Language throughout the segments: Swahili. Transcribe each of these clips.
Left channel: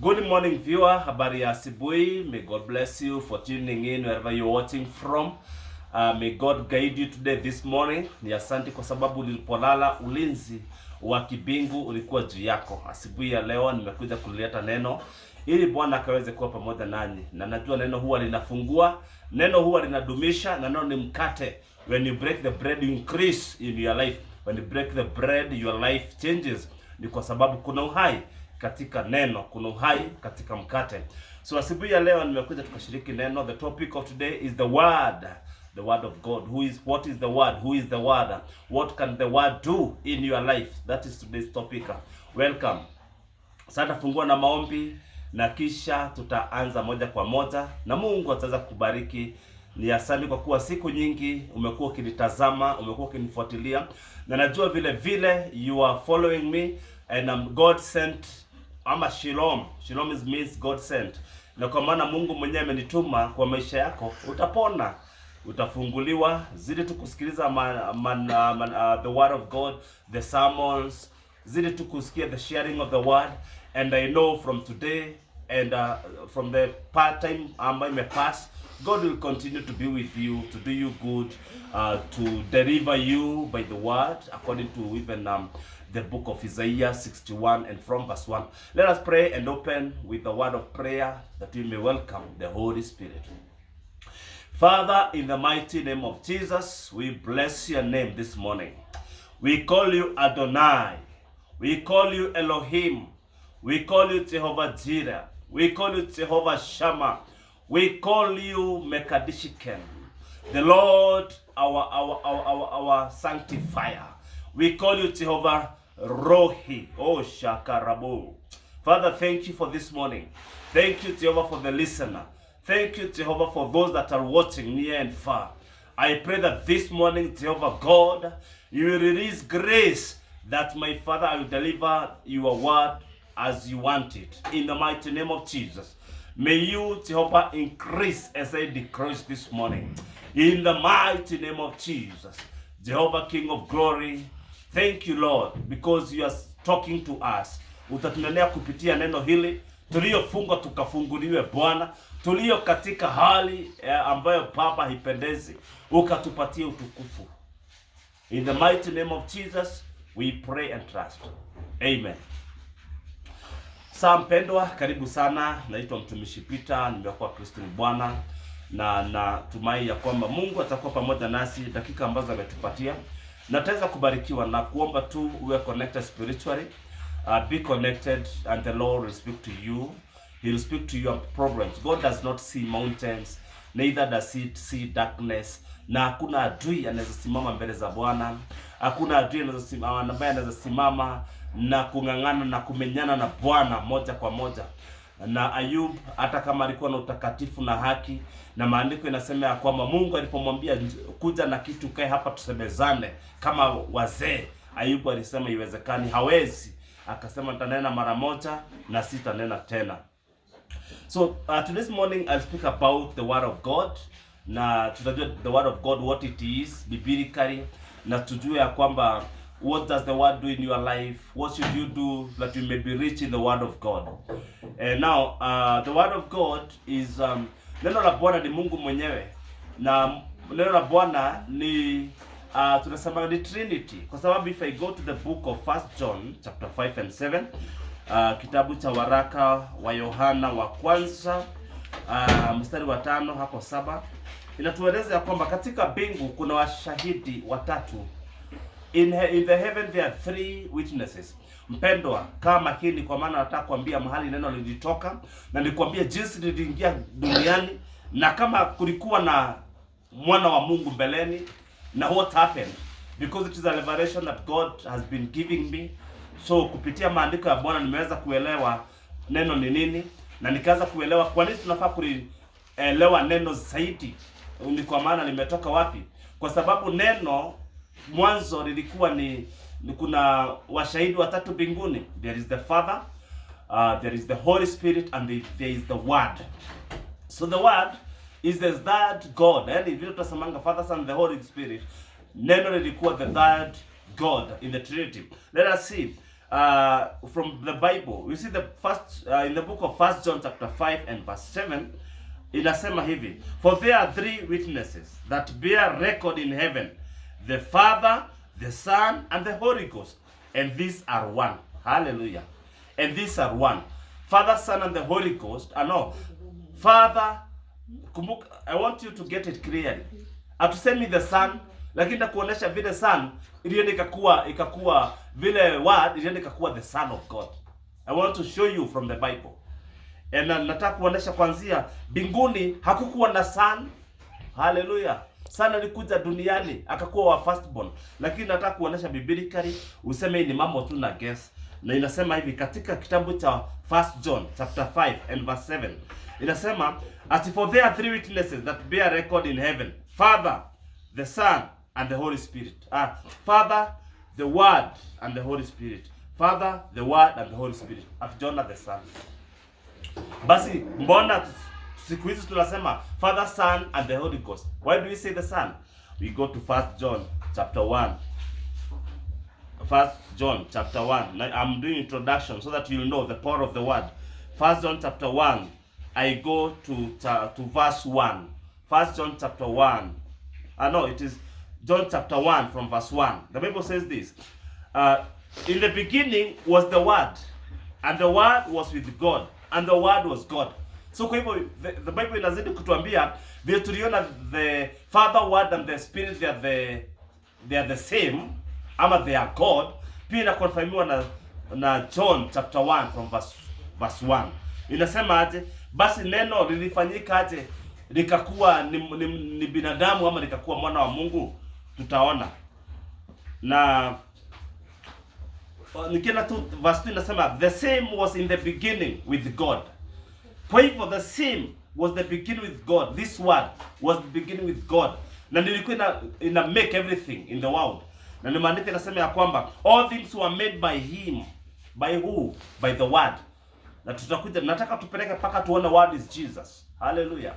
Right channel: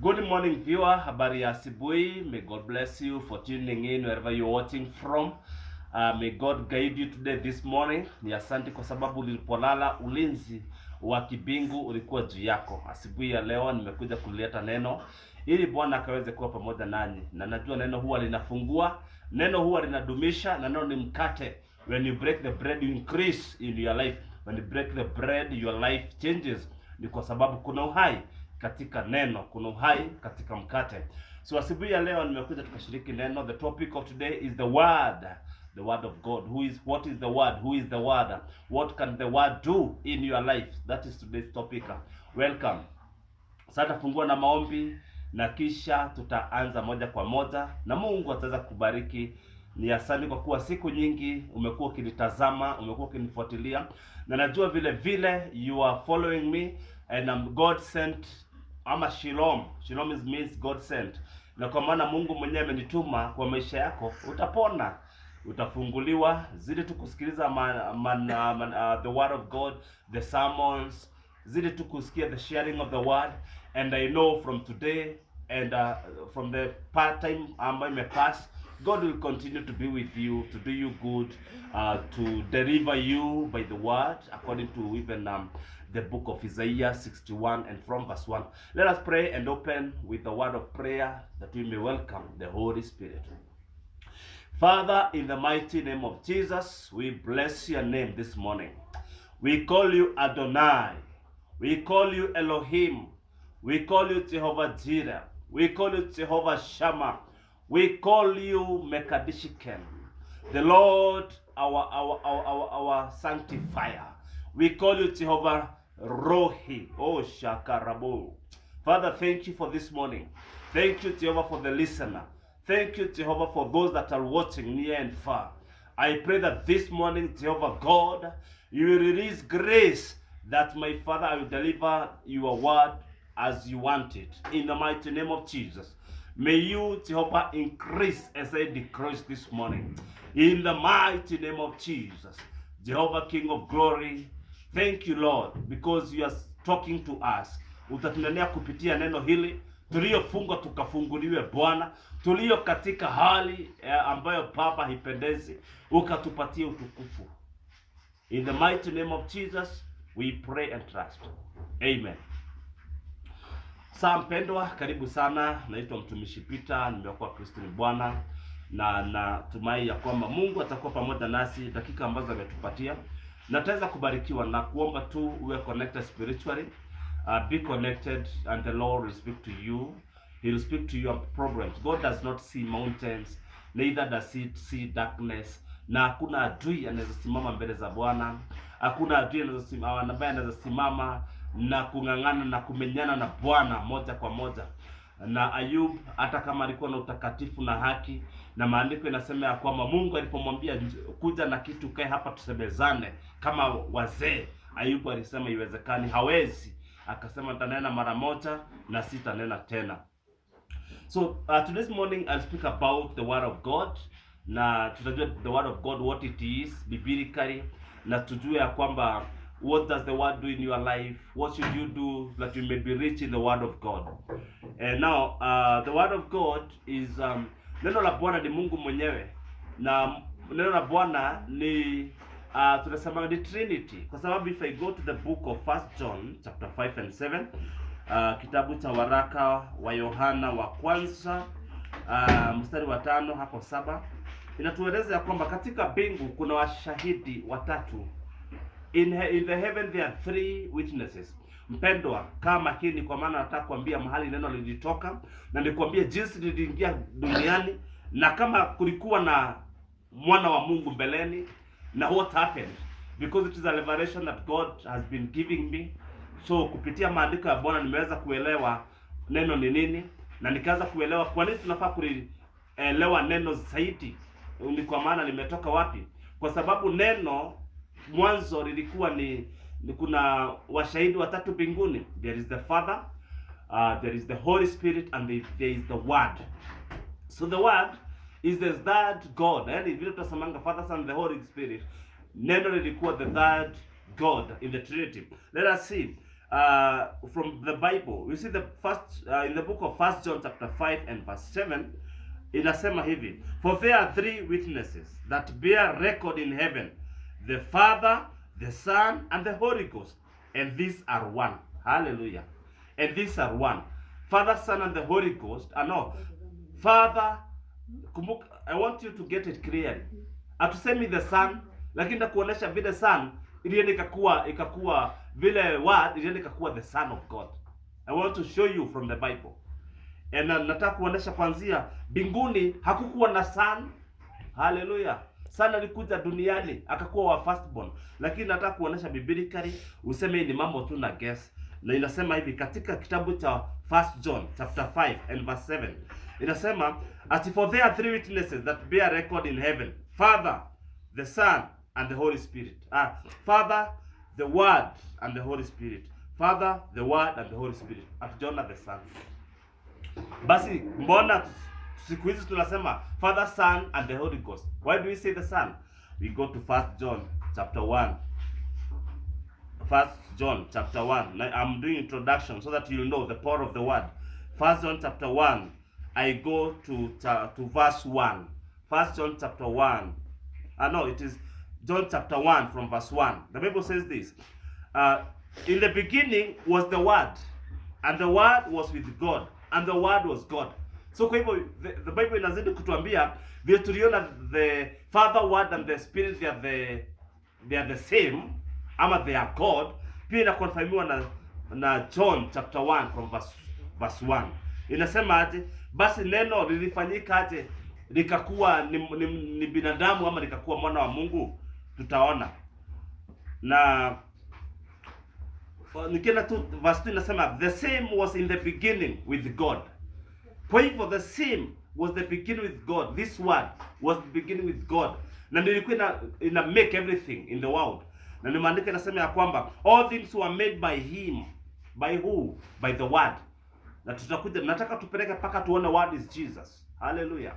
Good morning viewer, habari ya asubuhi. May God bless you for tuning in wherever you're watching from. May God guide you today this morning. Ni asante kwa sababu ulipolala ulinzi wa kibingu ulikuwa juu yako. Asubuhi ya leo nimekuja kuleta neno ili Bwana akaweze kuwa pamoja nanyi. Na najua neno huwa linafungua, neno huwa linadumisha, na neno ni mkate. When you break the bread you increase in your life. When you break the bread your life changes. Ni kwa sababu kuna uhai katika neno, kuna uhai katika mkate. So asubuhi ya leo nimekuja tukashiriki neno. The topic of today is the word of God. What is the word? Who is the word? What can the word do in your life? That is today's topic. Welcome. Sasa fungua na maombi na kisha tutaanza moja kwa moja na Mungu ataweza kubariki. Ni asante kwa kuwa siku nyingi umekuwa ukinitazama, umekuwa ukinifuatilia, na najua vile vile you are following me, and God sent, ama shalom. Shalom means God sent. Na kwa maana Mungu mwenyewe amenituma kwa maisha yako, utapona, utafunguliwa. Zidi tu kusikiliza the word of God, the sermons, zidi tu kusikia the sharing of the word. And I know from today and from the part time ambayo imepass, God will continue to be with you, to do you good, to deliver you by the word, according to even the book of Isaiah 61 and from verse 1. Let us pray and open with the word of prayer that we may welcome the Holy Spirit. Father, in the mighty name of Jesus, we bless your name this morning. We call you Adonai. We call you Elohim. We call you Jehovah Jireh. We call you Jehovah Shammah. We call you Mekadishiken, the Lord, our sanctifier. We call you Jehovah Rohi, oh Shakarabo. Father, thank you for this morning. Thank you, Jehovah, for the listener. Thank you, Jehovah, for those that are watching near and far. I pray that this morning, Jehovah God, you will release grace that, my Father, I will deliver your word as you want it. In the mighty name of Jesus. May you, Jehovah, increase as I decrease this morning. In the mighty name of Jesus. Jehovah, King of glory, thank you, Lord, because you are talking to us. Utatunenea kupitia neno hili, tuliyofungwa tukafunguliwe Bwana, tulio katika hali ambayo Baba haipendezi, ukatupatie utukufu. In the mighty name of Jesus, we pray and trust. Amen. Saa mpendwa, karibu sana. Naitwa mtumishi Peter, nimekuwa Kristo ni Bwana, na natumai ya kwamba Mungu atakuwa pamoja nasi dakika ambazo ametupatia, na tutaweza kubarikiwa na kuomba tu uwe connected spiritually. Be connected and the Lord will speak to you. He will speak to your problems. God does not see mountains, neither does he see darkness. Na hakuna adui anaweza simama mbele za Bwana. Hakuna adui anaweza simama na kung'ang'ana na kumenyana na Bwana moja kwa moja. Na Ayub, hata kama alikuwa na utakatifu na haki, na maandiko inasema ya kwamba Mungu alipomwambia kuja na kitu kae hapa tusemezane kama wazee, Ayub alisema iwezekani, hawezi. Akasema nitanena mara moja na sitanena tena. So today's morning I'll speak about the word of God. Na tutajua the word of God, what it is biblically, na tujue ya kwamba what does the word do in your life? What should you do that you may be rich in the word of God? And now, the word of God is neno la Bwana ni Mungu mwenyewe, na neno la Bwana ni tunasema ni Trinity, kwa sababu if I go to the book of 1 John chapter 5 and 7, kitabu cha waraka wa Yohana wa kwanza mstari wa 5 hapo 7, inatueleza ya kwamba katika mbingu kuna washahidi watatu. In the heaven there are 3 witnesses. Mpendwa, kaa makini, kwa maana nataka kuambia mahali neno lilitoka, na nikwambie jinsi liliingia duniani, na kama kulikuwa na mwana wa Mungu mbeleni, na what happened, because it is a revelation that God has been giving me. So kupitia maandiko ya Bwana nimeweza kuelewa neno ni nini, na nikaanza kuelewa kwa nini tunafaa kuelewa neno zaidi. Ni kwa maana nimetoka wapi? Kwa sababu neno mwanzo lilikuwa ni kuna washahidi watatu mbinguni. There is the Father, there is the Holy Spirit, and there is the Word. So the Word is the third God. Yaani vile tunasemanga Father, Son, the Holy Spirit, neno lilikuwa the third God in the Trinity. Let us see. from the Bible. We see the first in the book of 1 John chapter 5 and verse 7, inasema hivi, for there are three witnesses that bear record in heaven, the Father, the Son, and the Holy Ghost, and these are one. Hallelujah. And these are one. Father, Son, and the Holy Ghost. No, Father, kumbuka, I want you to get it clearly. Atusemi the Son, lakini nakuonesha vile Son ilienda ikakuwa vile word ilienda ikakuwa the Son of God. I want to show you from the Bible. And nataka kuonesha kwanzia mbinguni hakukuwa na Son. Hallelujah. Son alikuja duniani akakuwa wa firstborn. Lakini nataka kuonesha biblically useme ni mambo tu na guess. Na inasema hivi katika kitabu cha 1 John chapter 5 and verse 7. Inasema, as for there are three witnesses that bear record in heaven, Father, the Son, and the Holy Spirit. Father, the Word, and the Holy Spirit. Father, the Word, and the Holy Spirit. Hatujaona the Son. Basi mbona siku hizi tunasema Father, Son, and the Holy Ghost? Why do we say the Son? We go to 1 John chapter 1. 1 John chapter 1. Now, I'm doing introduction so that you'll know the power of the word. 1 John chapter 1. I go to verse 1. 1 John chapter 1. No, it is John chapter 1 from verse 1. The Bible says this. In the beginning was the Word, and the Word was with God, and the Word was God. So kwa hivyo the Bible inazidi kutuambia vile tuliona the Father, Word, and the Spirit, they are the same, ama they are God. Pia inakonfirmiwa na John chapter 1 from verse 1. Inasema aje? Basi neno lilifanyika aje likakuwa ni binadamu ama likakuwa mwana wa Mungu? Tutaona. Na nikienda tu verse 2 inasema the same was in the beginning with God. Kwa hivyo the same was the beginning with God. This word was the beginning with God. Na nilikuwa ina make everything in the world. Na ni maandiko inasema ya kwamba all things were made by him. By who? By the word. Na tutakuja, nataka tupeleke paka tuone word is Jesus. Hallelujah.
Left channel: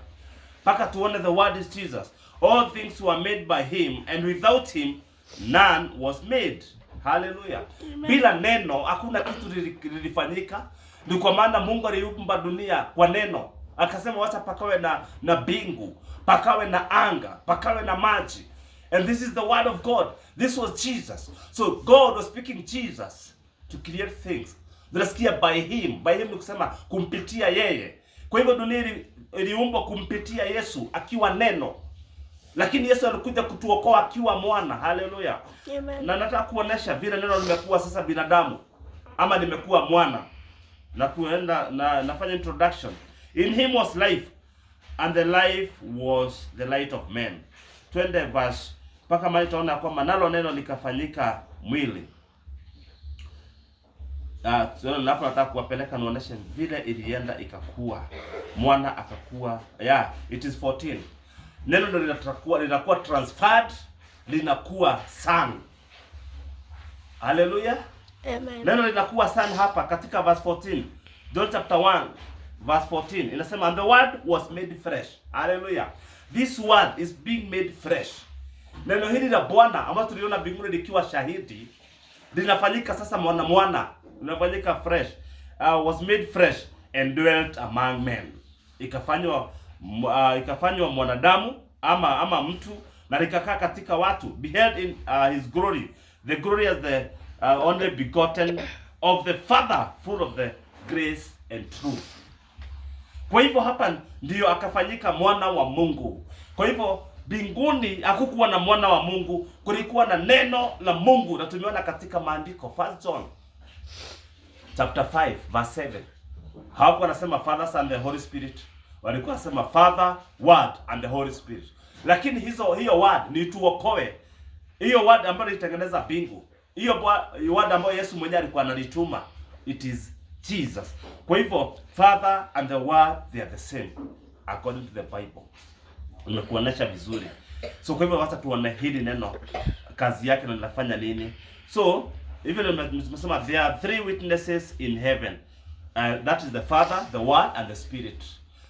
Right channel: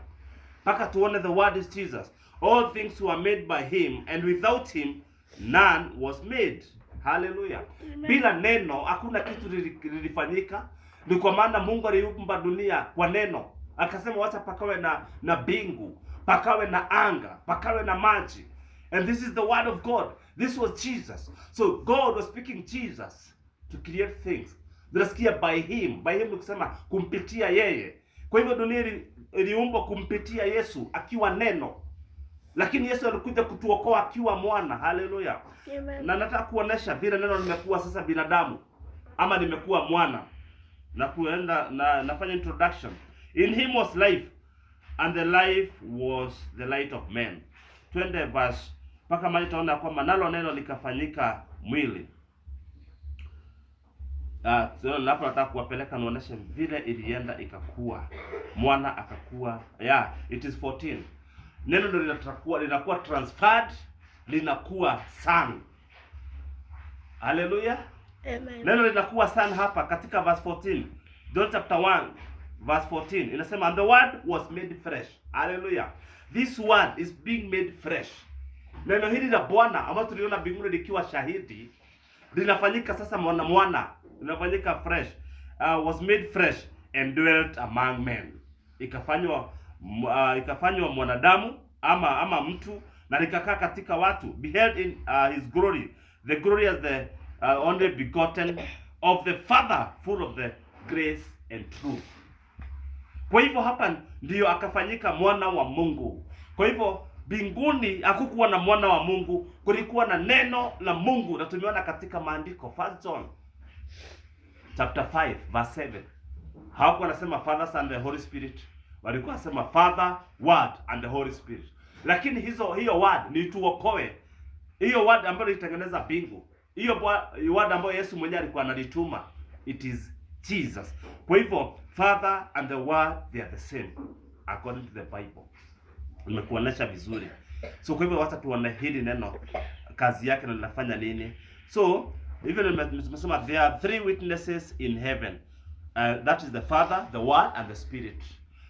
Paka tuone the word is Jesus. All things were made by him, and without him none was made. Hallelujah. Amen. Bila neno hakuna kitu lilifanyika. Ni kwa maana Mungu aliumba dunia kwa neno. Akasema wacha pakawe na bingu, pakawe na anga, pakawe na maji. And this is the word of God. This was Jesus. So God was speaking Jesus to create things. Tunasikia by him. By him ni kusema kumpitia yeye. Kwa hivyo dunia iliumbwa kumpitia Yesu akiwa neno. Lakini Yesu alikuja kutuokoa akiwa mwana. Hallelujah. Amen. Na nataka kuonesha vile neno limekuwa sasa binadamu ama limekuwa mwana. Na kuenda nafanya introduction. In him was life, and the life was the light of men. Twende verse mpaka mahali tunaona kwamba nalo neno likafanyika mwili. So hapo nataka kuwapeleka nionyeshe vile ilienda ikakuwa mwana akakuwa. It is 14. Neno ndio linakuwa transferred, linakuwa son. Hallelujah. Amen. Neno linakuwa son hapa katika verse 14. John chapter 1 verse 14 inasema, and the word was made flesh. Hallelujah. This word is being made fresh. Neno hili la Bwana ambalo tuliona mbinguni likiwa shahidi linafanyika sasa mwana linafanyika fresh. Was made fresh and dwelt among men. Ikafanywa mwanadamu ama mtu na likakaa katika watu. Beheld in his glory, the glory as the only begotten of the Father, full of the grace and truth. Kwa hivyo hapa ndiyo akafanyika mwana wa Mungu. Kwa hivyo mbinguni hakukuwa na mwana wa Mungu, kulikuwa na neno la Mungu. Na tumeona katika maandiko 1 John chapter 5 verse 7. Hawakuwa nasema Father, Son, the Holy Spirit. Walikuwa nasema Father, Word, and the Holy Spirit. Lakini hiyo word ni tuokoe. Hiyo word ambayo ilitengeneza mbingu. Hiyo word ambayo Yesu mwenyewe alikuwa analituma. It is Jesus. Kwa hivyo Father and the Word, they are the same according to the Bible. Nimekuonesha vizuri. So kwa hivyo wacha tuone hili neno kazi yake na linafanya nini. So even tumesema there are three witnesses in heaven. That is the Father, the Word, and the Spirit.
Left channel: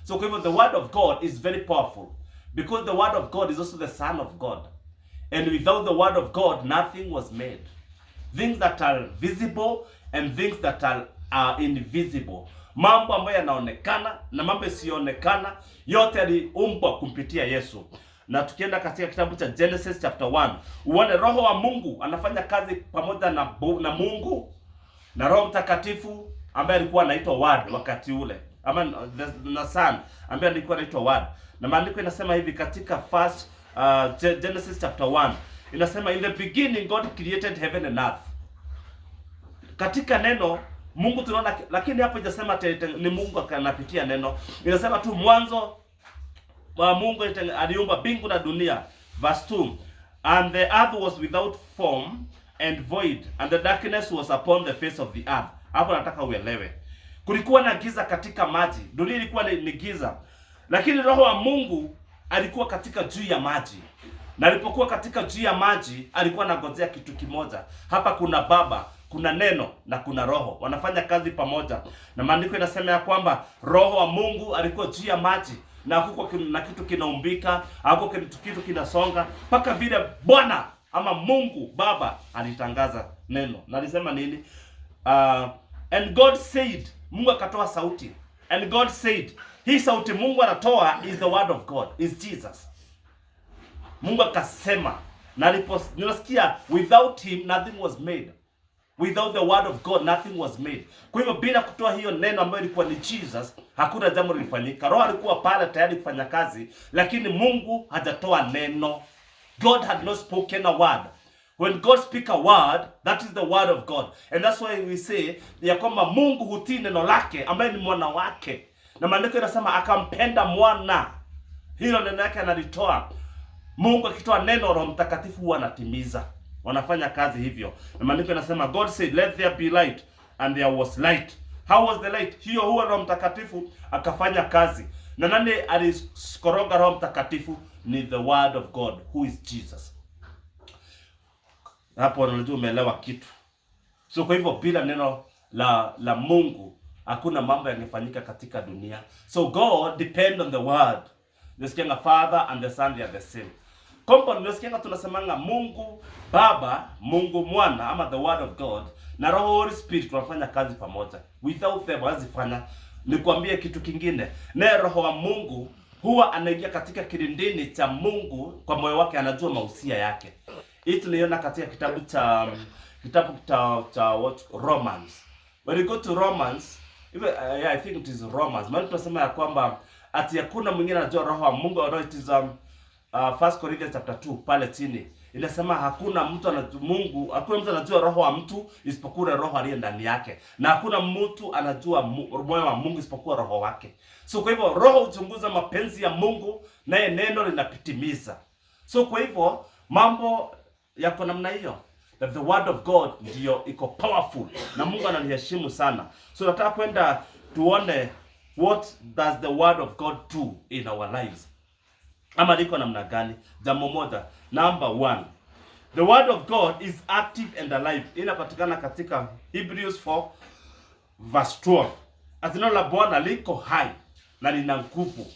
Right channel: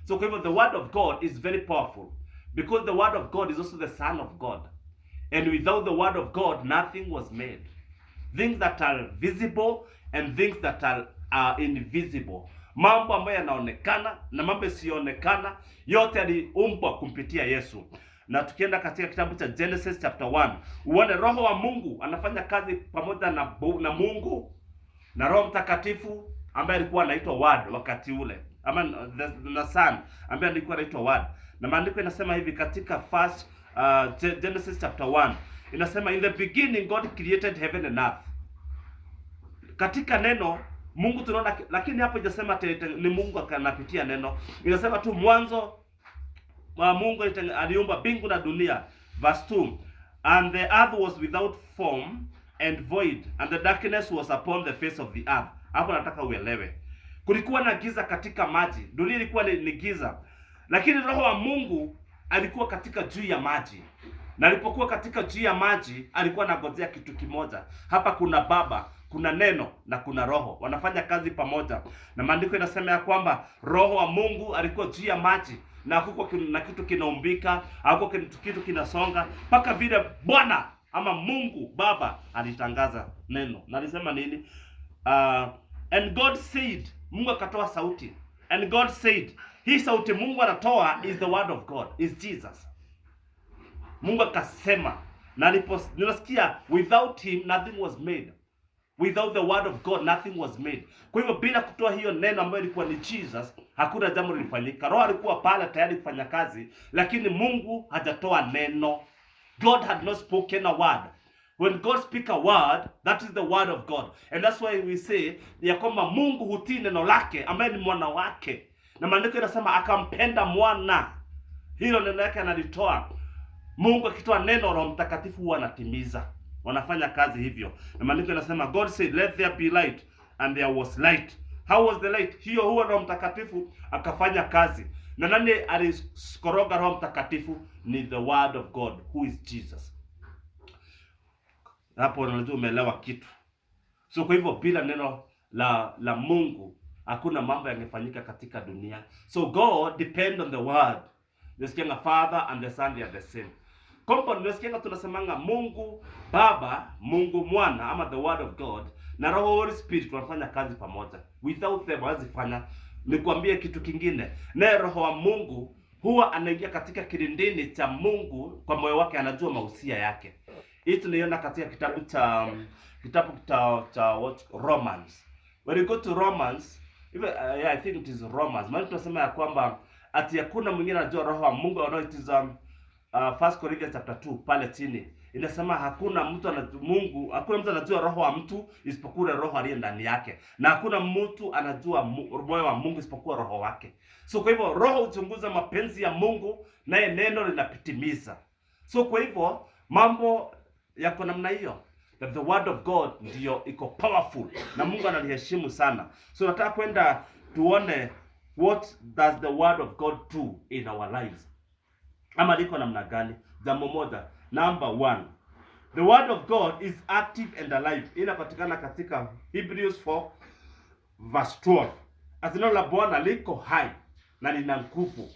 So kwa hivyo the word of God is very powerful because the word of God is also the Son of God. And without the word of God, nothing was made. Things that are visible and things that are invisible. Mambo ambayo yanaonekana na mambo yasiyoonekana, yote yaliumbwa kumpitia Yesu. Na tukienda katika kitabu cha Genesis chapter 1, uone roho wa Mungu anafanya kazi pamoja na Mungu na Roho Mtakatifu ambaye alikuwa anaitwa Word wakati ule, ama na Son ambaye alikuwa anaitwa Word. Na maandiko inasema hivi katika Genesis chapter 1, inasema in the beginning God created heaven and earth. Katika neno Mungu tunaona, lakini hapo inasema ni Mungu anapitia neno. Inasema tu mwanzo wa Mungu aliumba mbingu na dunia. Verse 2, and the earth was without form and void, and the darkness was upon the face of the earth. Hapo nataka uelewe, kulikuwa na giza katika maji, dunia ilikuwa ni giza, lakini roho wa Mungu alikuwa katika juu ya maji. Na alipokuwa katika juu ya maji, alikuwa anangojea kitu kimoja. Hapa kuna Baba, kuna neno na kuna roho, wanafanya kazi pamoja. Na maandiko inasema ya kwamba roho wa Mungu alikuwa juu ya maji, na hakukuwa na kitu kinaumbika, hakukuwa kitu kinasonga, mpaka vile Bwana ama Mungu Baba alitangaza neno. Na alisema nini? And God said, Mungu akatoa sauti. And God said, hii sauti Mungu anatoa is the word of God, is Jesus. Mungu akasema, na nilisikia without him nothing was made. Without the word of God nothing was made. Kwa hivyo bila kutoa hiyo neno ambayo ilikuwa ni Jesus, hakuna jambo lilifanyika. Roho alikuwa pale tayari kufanya kazi, lakini Mungu hajatoa neno. God had not spoken a word. When God speak a word, that is the word of God. And that's why we say ya kwamba Mungu hutii neno lake ambaye ni mwana wake. Na maandiko yanasema akampenda mwana. Hilo neno lake analitoa. Mungu akitoa neno, Roho Mtakatifu huwa anatimiza. Wanafanya kazi hivyo. Na maandiko yanasema God said let there be light, and there was light. How was the light? Hiyo huwa Roho Mtakatifu akafanya kazi. Na nani aliskoroga Roho Mtakatifu? Ni the word of God, who is Jesus. Hapo unajua umeelewa kitu. So kwa hivyo bila neno la Mungu hakuna mambo yangefanyika katika dunia. So God depend on the word. Nasikia Father and the Son they are the same. Kompo nasikia tunasemanga Mungu Baba, Mungu Mwana ama the word of God na Roho Holy Spirit wanafanya kazi pamoja. Without them hawazifanya. Nikwambie kitu kingine. Na Roho wa Mungu huwa anaingia katika kilindini cha Mungu kwa moyo wake, anajua mahusia yake. Hii tunaiona katika kitabu cha Romans. When you go to Romans, even I think it is Romans. Maana tunasema ya kwamba ati hakuna mwingine anajua Roho wa Mungu, or it is 1 Corinthians chapter 2 pale chini. Inasema hakuna mtu anajua Mungu, hakuna mtu anajua roho wa mtu isipokuwa roho aliye ndani yake. Na hakuna mtu anajua moyo wa Mungu isipokuwa roho wake. So kwa hivyo roho huchunguza mapenzi ya Mungu, naye neno linapitimiza. So kwa hivyo mambo yako namna hiyo. That the word of God ndio iko powerful na Mungu analiheshimu sana. So nataka kwenda tuone what does the word of God do in our lives. Ama liko namna gani? Jambo moja, number 1. The word of God is active and alive. Inapatikana katika Hebrews 4 verse 12. Neno la Bwana liko hai na lina nguvu.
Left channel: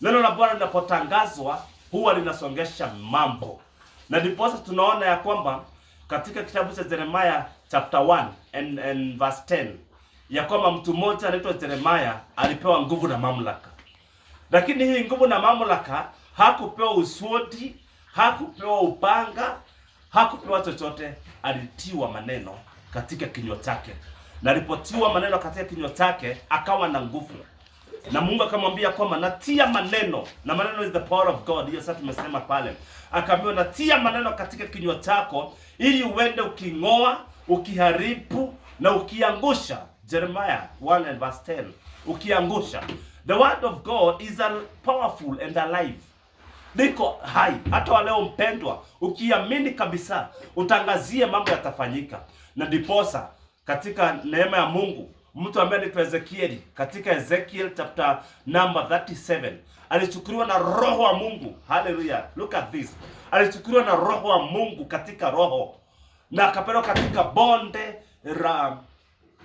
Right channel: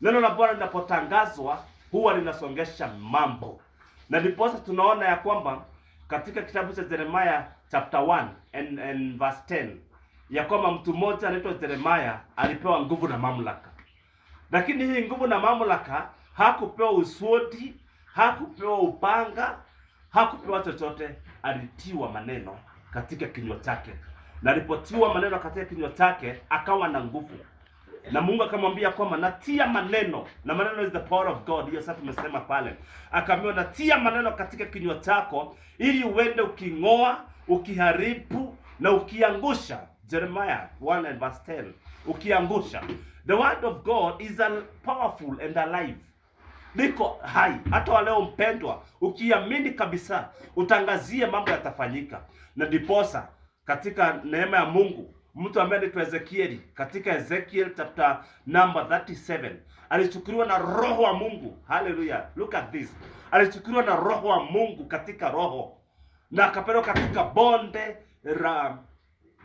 Neno la Bwana linapotangazwa huwa linasongesha mambo. Na ndipo tunaona ya kwamba katika kitabu cha Jeremiah chapter 1 and verse 10 ya kwamba mtu mmoja anaitwa Jeremiah alipewa nguvu na mamlaka. Lakini hii nguvu na mamlaka hakupewa uswodi, hakupewa upanga, hakupewa chochote, alitiwa maneno katika kinywa chake. Na alipotiwa maneno katika kinywa chake akawa na nguvu. Na Mungu akamwambia kwamba natia maneno, na maneno is the power of God. Hiyo sasa tumesema pale. Akaambiwa natia maneno katika kinywa chako ili uende uking'oa, ukiharibu na ukiangusha. Jeremiah 1 and verse 10. Ukiangusha. The word of God is powerful and alive. Liko hai. Hata wa leo mpendwa, ukiamini kabisa, utangazie mambo yatafanyika. Na ndiposa katika neema ya Mungu, mtu ambaye anaitwa Ezekiel, katika Ezekiel chapter number 37, alichukuliwa na roho wa Mungu. Hallelujah. Look at this. Alichukuliwa na roho wa Mungu katika roho, na akapelekwa katika bonde la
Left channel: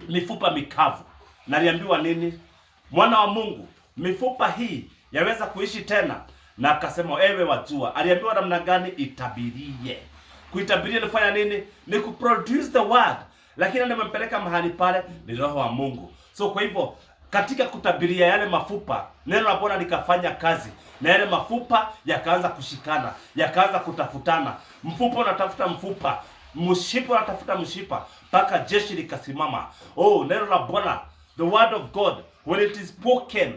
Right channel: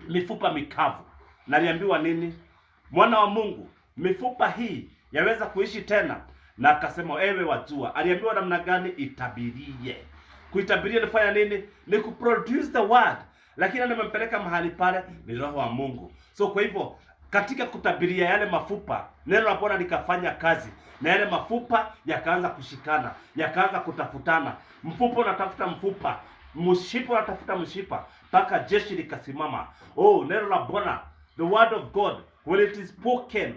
mifupa mikavu. Na aliambiwa nini? Mwana wa Mungu, mifupa hii yaweza kuishi tena? Na akasema ewe wajua. Aliambiwa namna gani? Itabirie. Kuitabiria nifanya nini? Ni kuproduce the word. lakini nimempeleka mahali pale ni Roho wa Mungu. So kwa hivyo katika kutabiria yale mafupa, neno la Bwana likafanya kazi, na yale mafupa yakaanza kushikana, yakaanza kutafutana. Mfupa unatafuta mfupa, mshipa unatafuta mshipa, mpaka jeshi likasimama. Oh, neno la Bwana, the word of God, when it is spoken,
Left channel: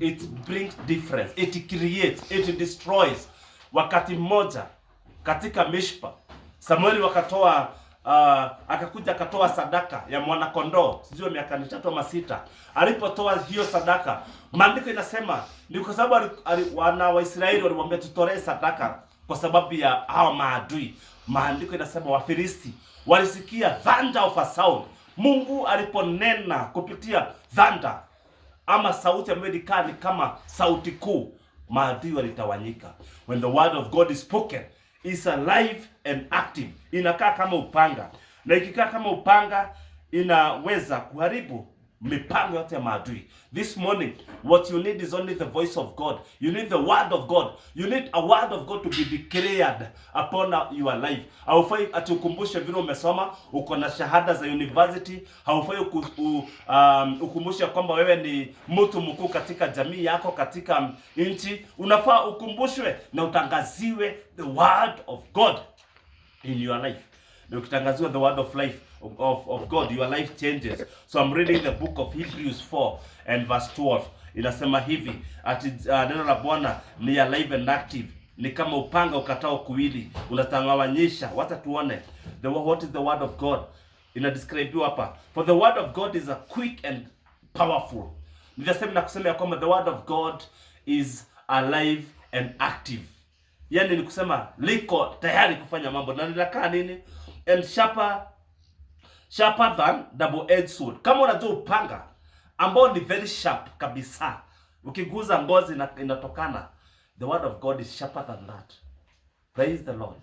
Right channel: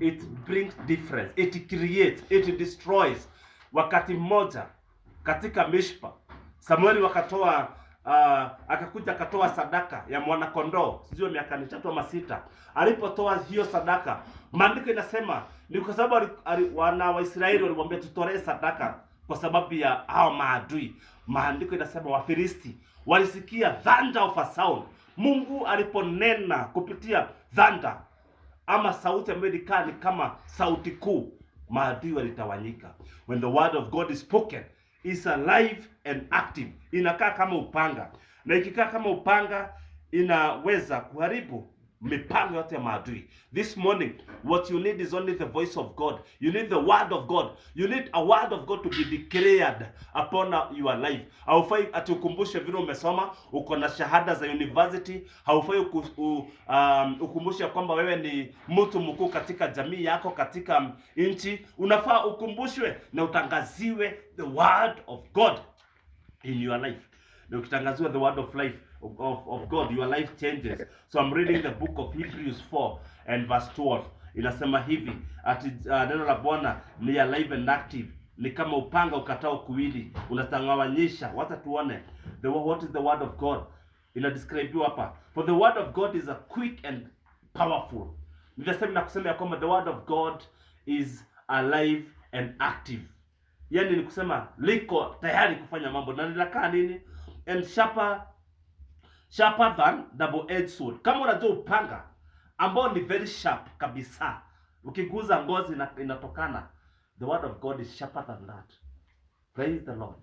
it brings difference, it creates, it destroys. Wakati mmoja katika Mishpa, Samueli wakatoa akakuja akatoa sadaka ya mwana kondoo, sio miaka 3 ama 6. Alipotoa hiyo sadaka, maandiko inasema ni kwa sababu wana wa Israeli walimwambia tutolee sadaka kwa sababu ya hao maadui. Maandiko inasema Wafilisti walisikia thunder of a sound. Mungu aliponena kupitia thunder ama sauti ambayo ni kama sauti kuu, maadui walitawanyika. When the word of God is spoken, is alive and active. Inakaa kama upanga, na ikikaa kama upanga inaweza kuharibu mipango yote ya maadui. This morning, what you need is only the voice of God. You need the word of God. You need a word of God to be declared upon your life. Haufai atukumbushe vile umesoma, uko na shahada za university. Haufai ukumbushe kwamba wewe ni mtu mkuu katika jamii yako, katika nchi. Unafaa ukumbushwe na utangaziwe the word of God in your life. Na ukitangaziwa the word of life of God, your life changes. So I'm reading the book of Hebrews 4 and verse 12. Inasema hivi ati neno la Bwana ni alive and active, ni kama upanga ukatao kuwili, unatangawanyisha. Wacha tuone what is the word of God. Ina describe hapa, for the word of God is a quick and powerful. Nitasema na kusema ya kwamba the word of God is alive and active. Yani ni kusema liko tayari kufanya mambo, na linakaa nini? And sharper than double-edged sword. Kama unajua upanga ambao ni very sharp kabisa, ukiguza ngozi inatokana. The word of God is sharper than that. Praise the Lord.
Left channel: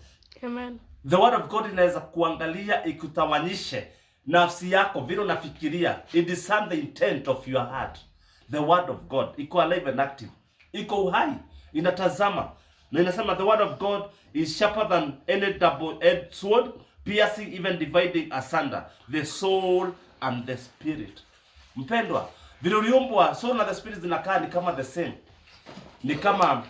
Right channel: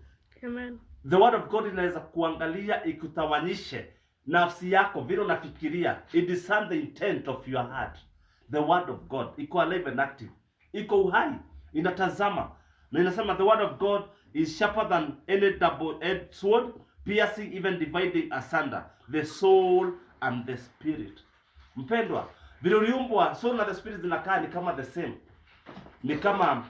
Amen. The word of God inaweza kuangalia ikutawanyishe nafsi yako, vile unafikiria. It discern the intent of your heart. The word of God iko alive and active, iko uhai, inatazama. Na inasema the word of God is sharper than any double-edged sword, piercing even dividing asunder the soul and the spirit. Mpendwa, vile uliumbwa, soul na the spirit zinakaa ni kama the same. Ni kama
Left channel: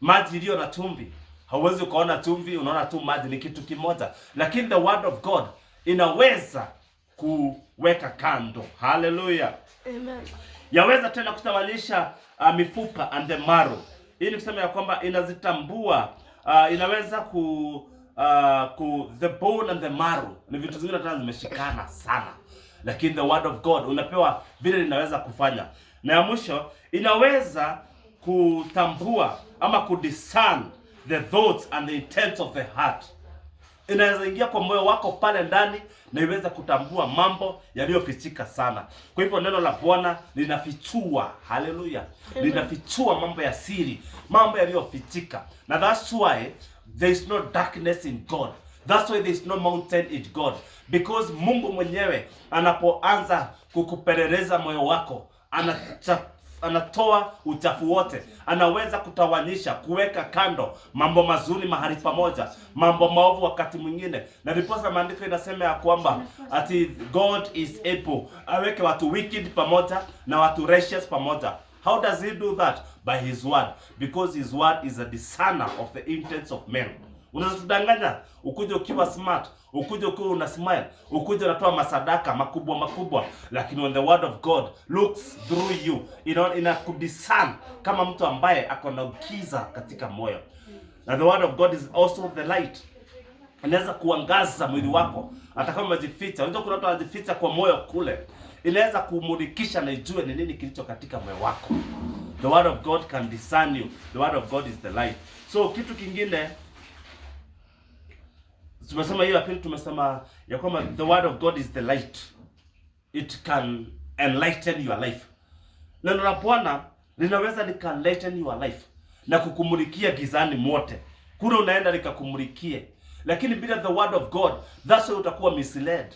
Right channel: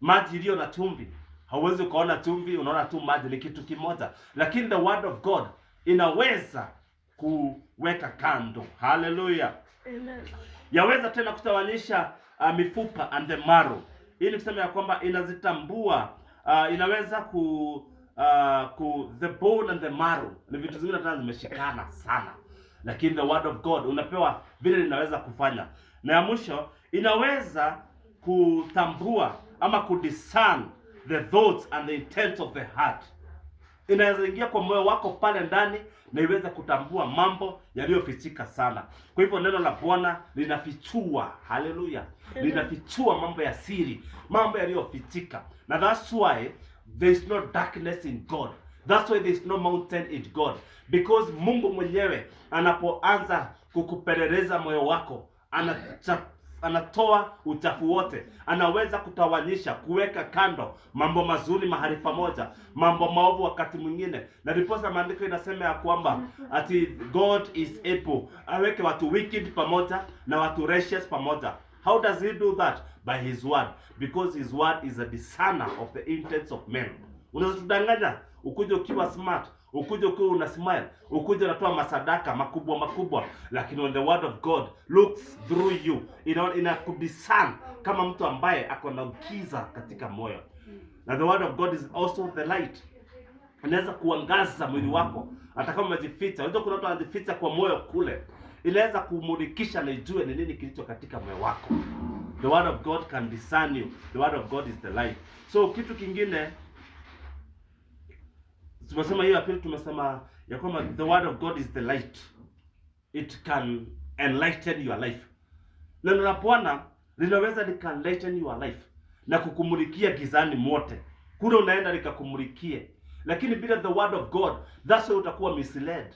maji iliyo na chumvi. Hauwezi ukaona chumvi, unaona tu maji, ni kitu kimoja. Lakini the word of God inaweza kuweka kando. Hallelujah. Amen. Yaweza tena kutawanyisha mifupa and the marrow. Hii ni kusema ya kwamba inazitambua, inaweza the bone and the marrow. Ni vitu zingine tena zimeshikana sana. Lakini the word of God unapewa vile linaweza kufanya. Na ya mwisho, inaweza kutambua ama kudiscern the thoughts and the intents of the heart. Inaweza ingia kwa moyo wako pale ndani na iweza kutambua mambo yaliyofichika sana. Kwa hivyo neno la Bwana linafichua, haleluya, linafichua mambo ya siri, mambo yaliyofichika. Na that's why there is no darkness in God. That's why there is no mountain in God. Because Mungu mwenyewe anapoanza kukupeleleza moyo wako, anatoa uchafu wote, anaweza kutawanyisha, kuweka kando mambo mazuri mahali pamoja, mambo maovu wakati mwingine. Na riposa maandiko inasema ya kwamba ati God is able aweke watu wicked pamoja na watu righteous pamoja. How does he do that? By his word, because his word is a discerner of the intents of men. Unaweza tudanganya, ukuje ukiwa smart, ukuje ukiwa una smile, ukuje unatoa masadaka makubwa, lakini when the word of God looks through you, ina kudiscern kama mtu ambaye ako na giza katika moyo. Na the word of God is also the light. Inaweza kuangaza mwili wako hata kama umejificha. Unajua kuna watu wanajificha kwa moyo kule. Inaweza kumulikisha na ijue ni nini kilicho katika moyo wako. The word of God can discern you. The word of God is the light. So kitu kingine tumesema hiyo apili, tumesema ya kwamba the word of God is the light. It can enlighten your life. Neno la Bwana linaweza likenlighten your life na kukumulikia gizani mote. Kule unaenda likakumulikie. Lakini bila the word of God, that's why utakuwa misled.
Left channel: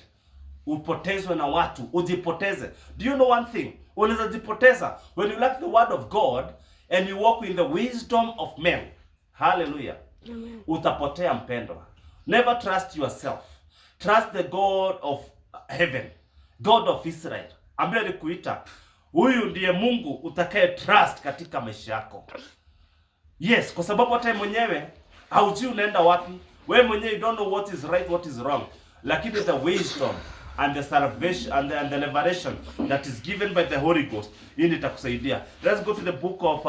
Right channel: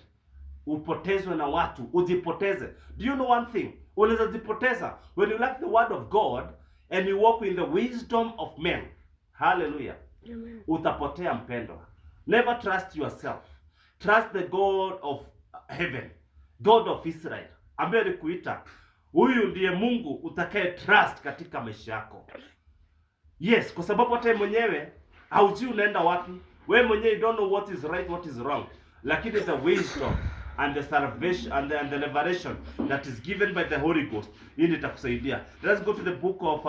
Upotezwe na watu, ujipoteze. Do you know one thing? Unaweza jipoteza when you lack the word of God and you walk in the wisdom of men. Hallelujah. Amen. Utapotea mpendwa. Never trust yourself. Trust the God of heaven, God of Israel, ambaye alikuita. Huyu ndiye Mungu utakaye trust katika maisha yako. Yes, kwa sababu hata mwenyewe haujui unaenda wapi. Wewe mwenyewe you don't know what is right, what is wrong. Lakini the wisdom and the salvation and the liberation that is given by the Holy Ghost, hii itakusaidia. Let's go to the book of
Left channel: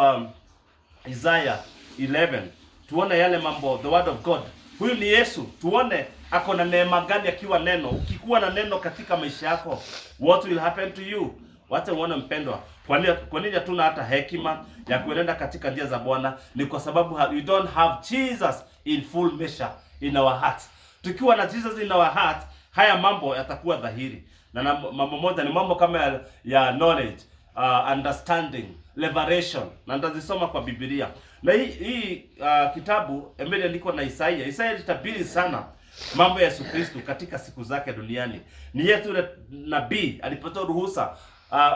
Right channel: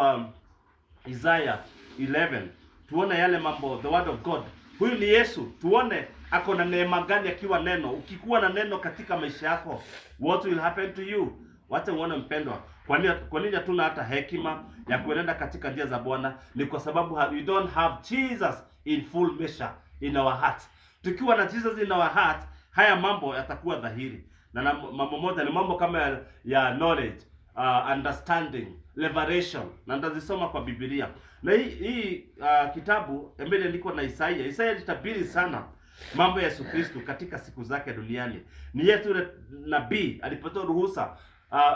Isaiah 11. Tuone yale mambo, the word of God. Huyu ni Yesu. Tuone ako na neema gani akiwa neno. Ukikuwa na neno katika maisha yako, what will happen to you? Wacha uone mpendwa. Kwa nini hatuna hata hekima ya kuenenda katika njia za Bwana? Ni kwa sababu we don't have Jesus in full measure in our hearts. Tukiwa na Jesus in our heart, haya mambo yatakuwa dhahiri. Na mambo moja ni mambo kama ya knowledge, understanding, liberation. Na ndazisoma kwa Biblia. Na hii kitabu imeandikwa na Isaiah. Isaiah alitabiri sana mambo ya Yesu Kristo katika siku zake duniani. Ni yetu yule nabii alipotoa ruhusa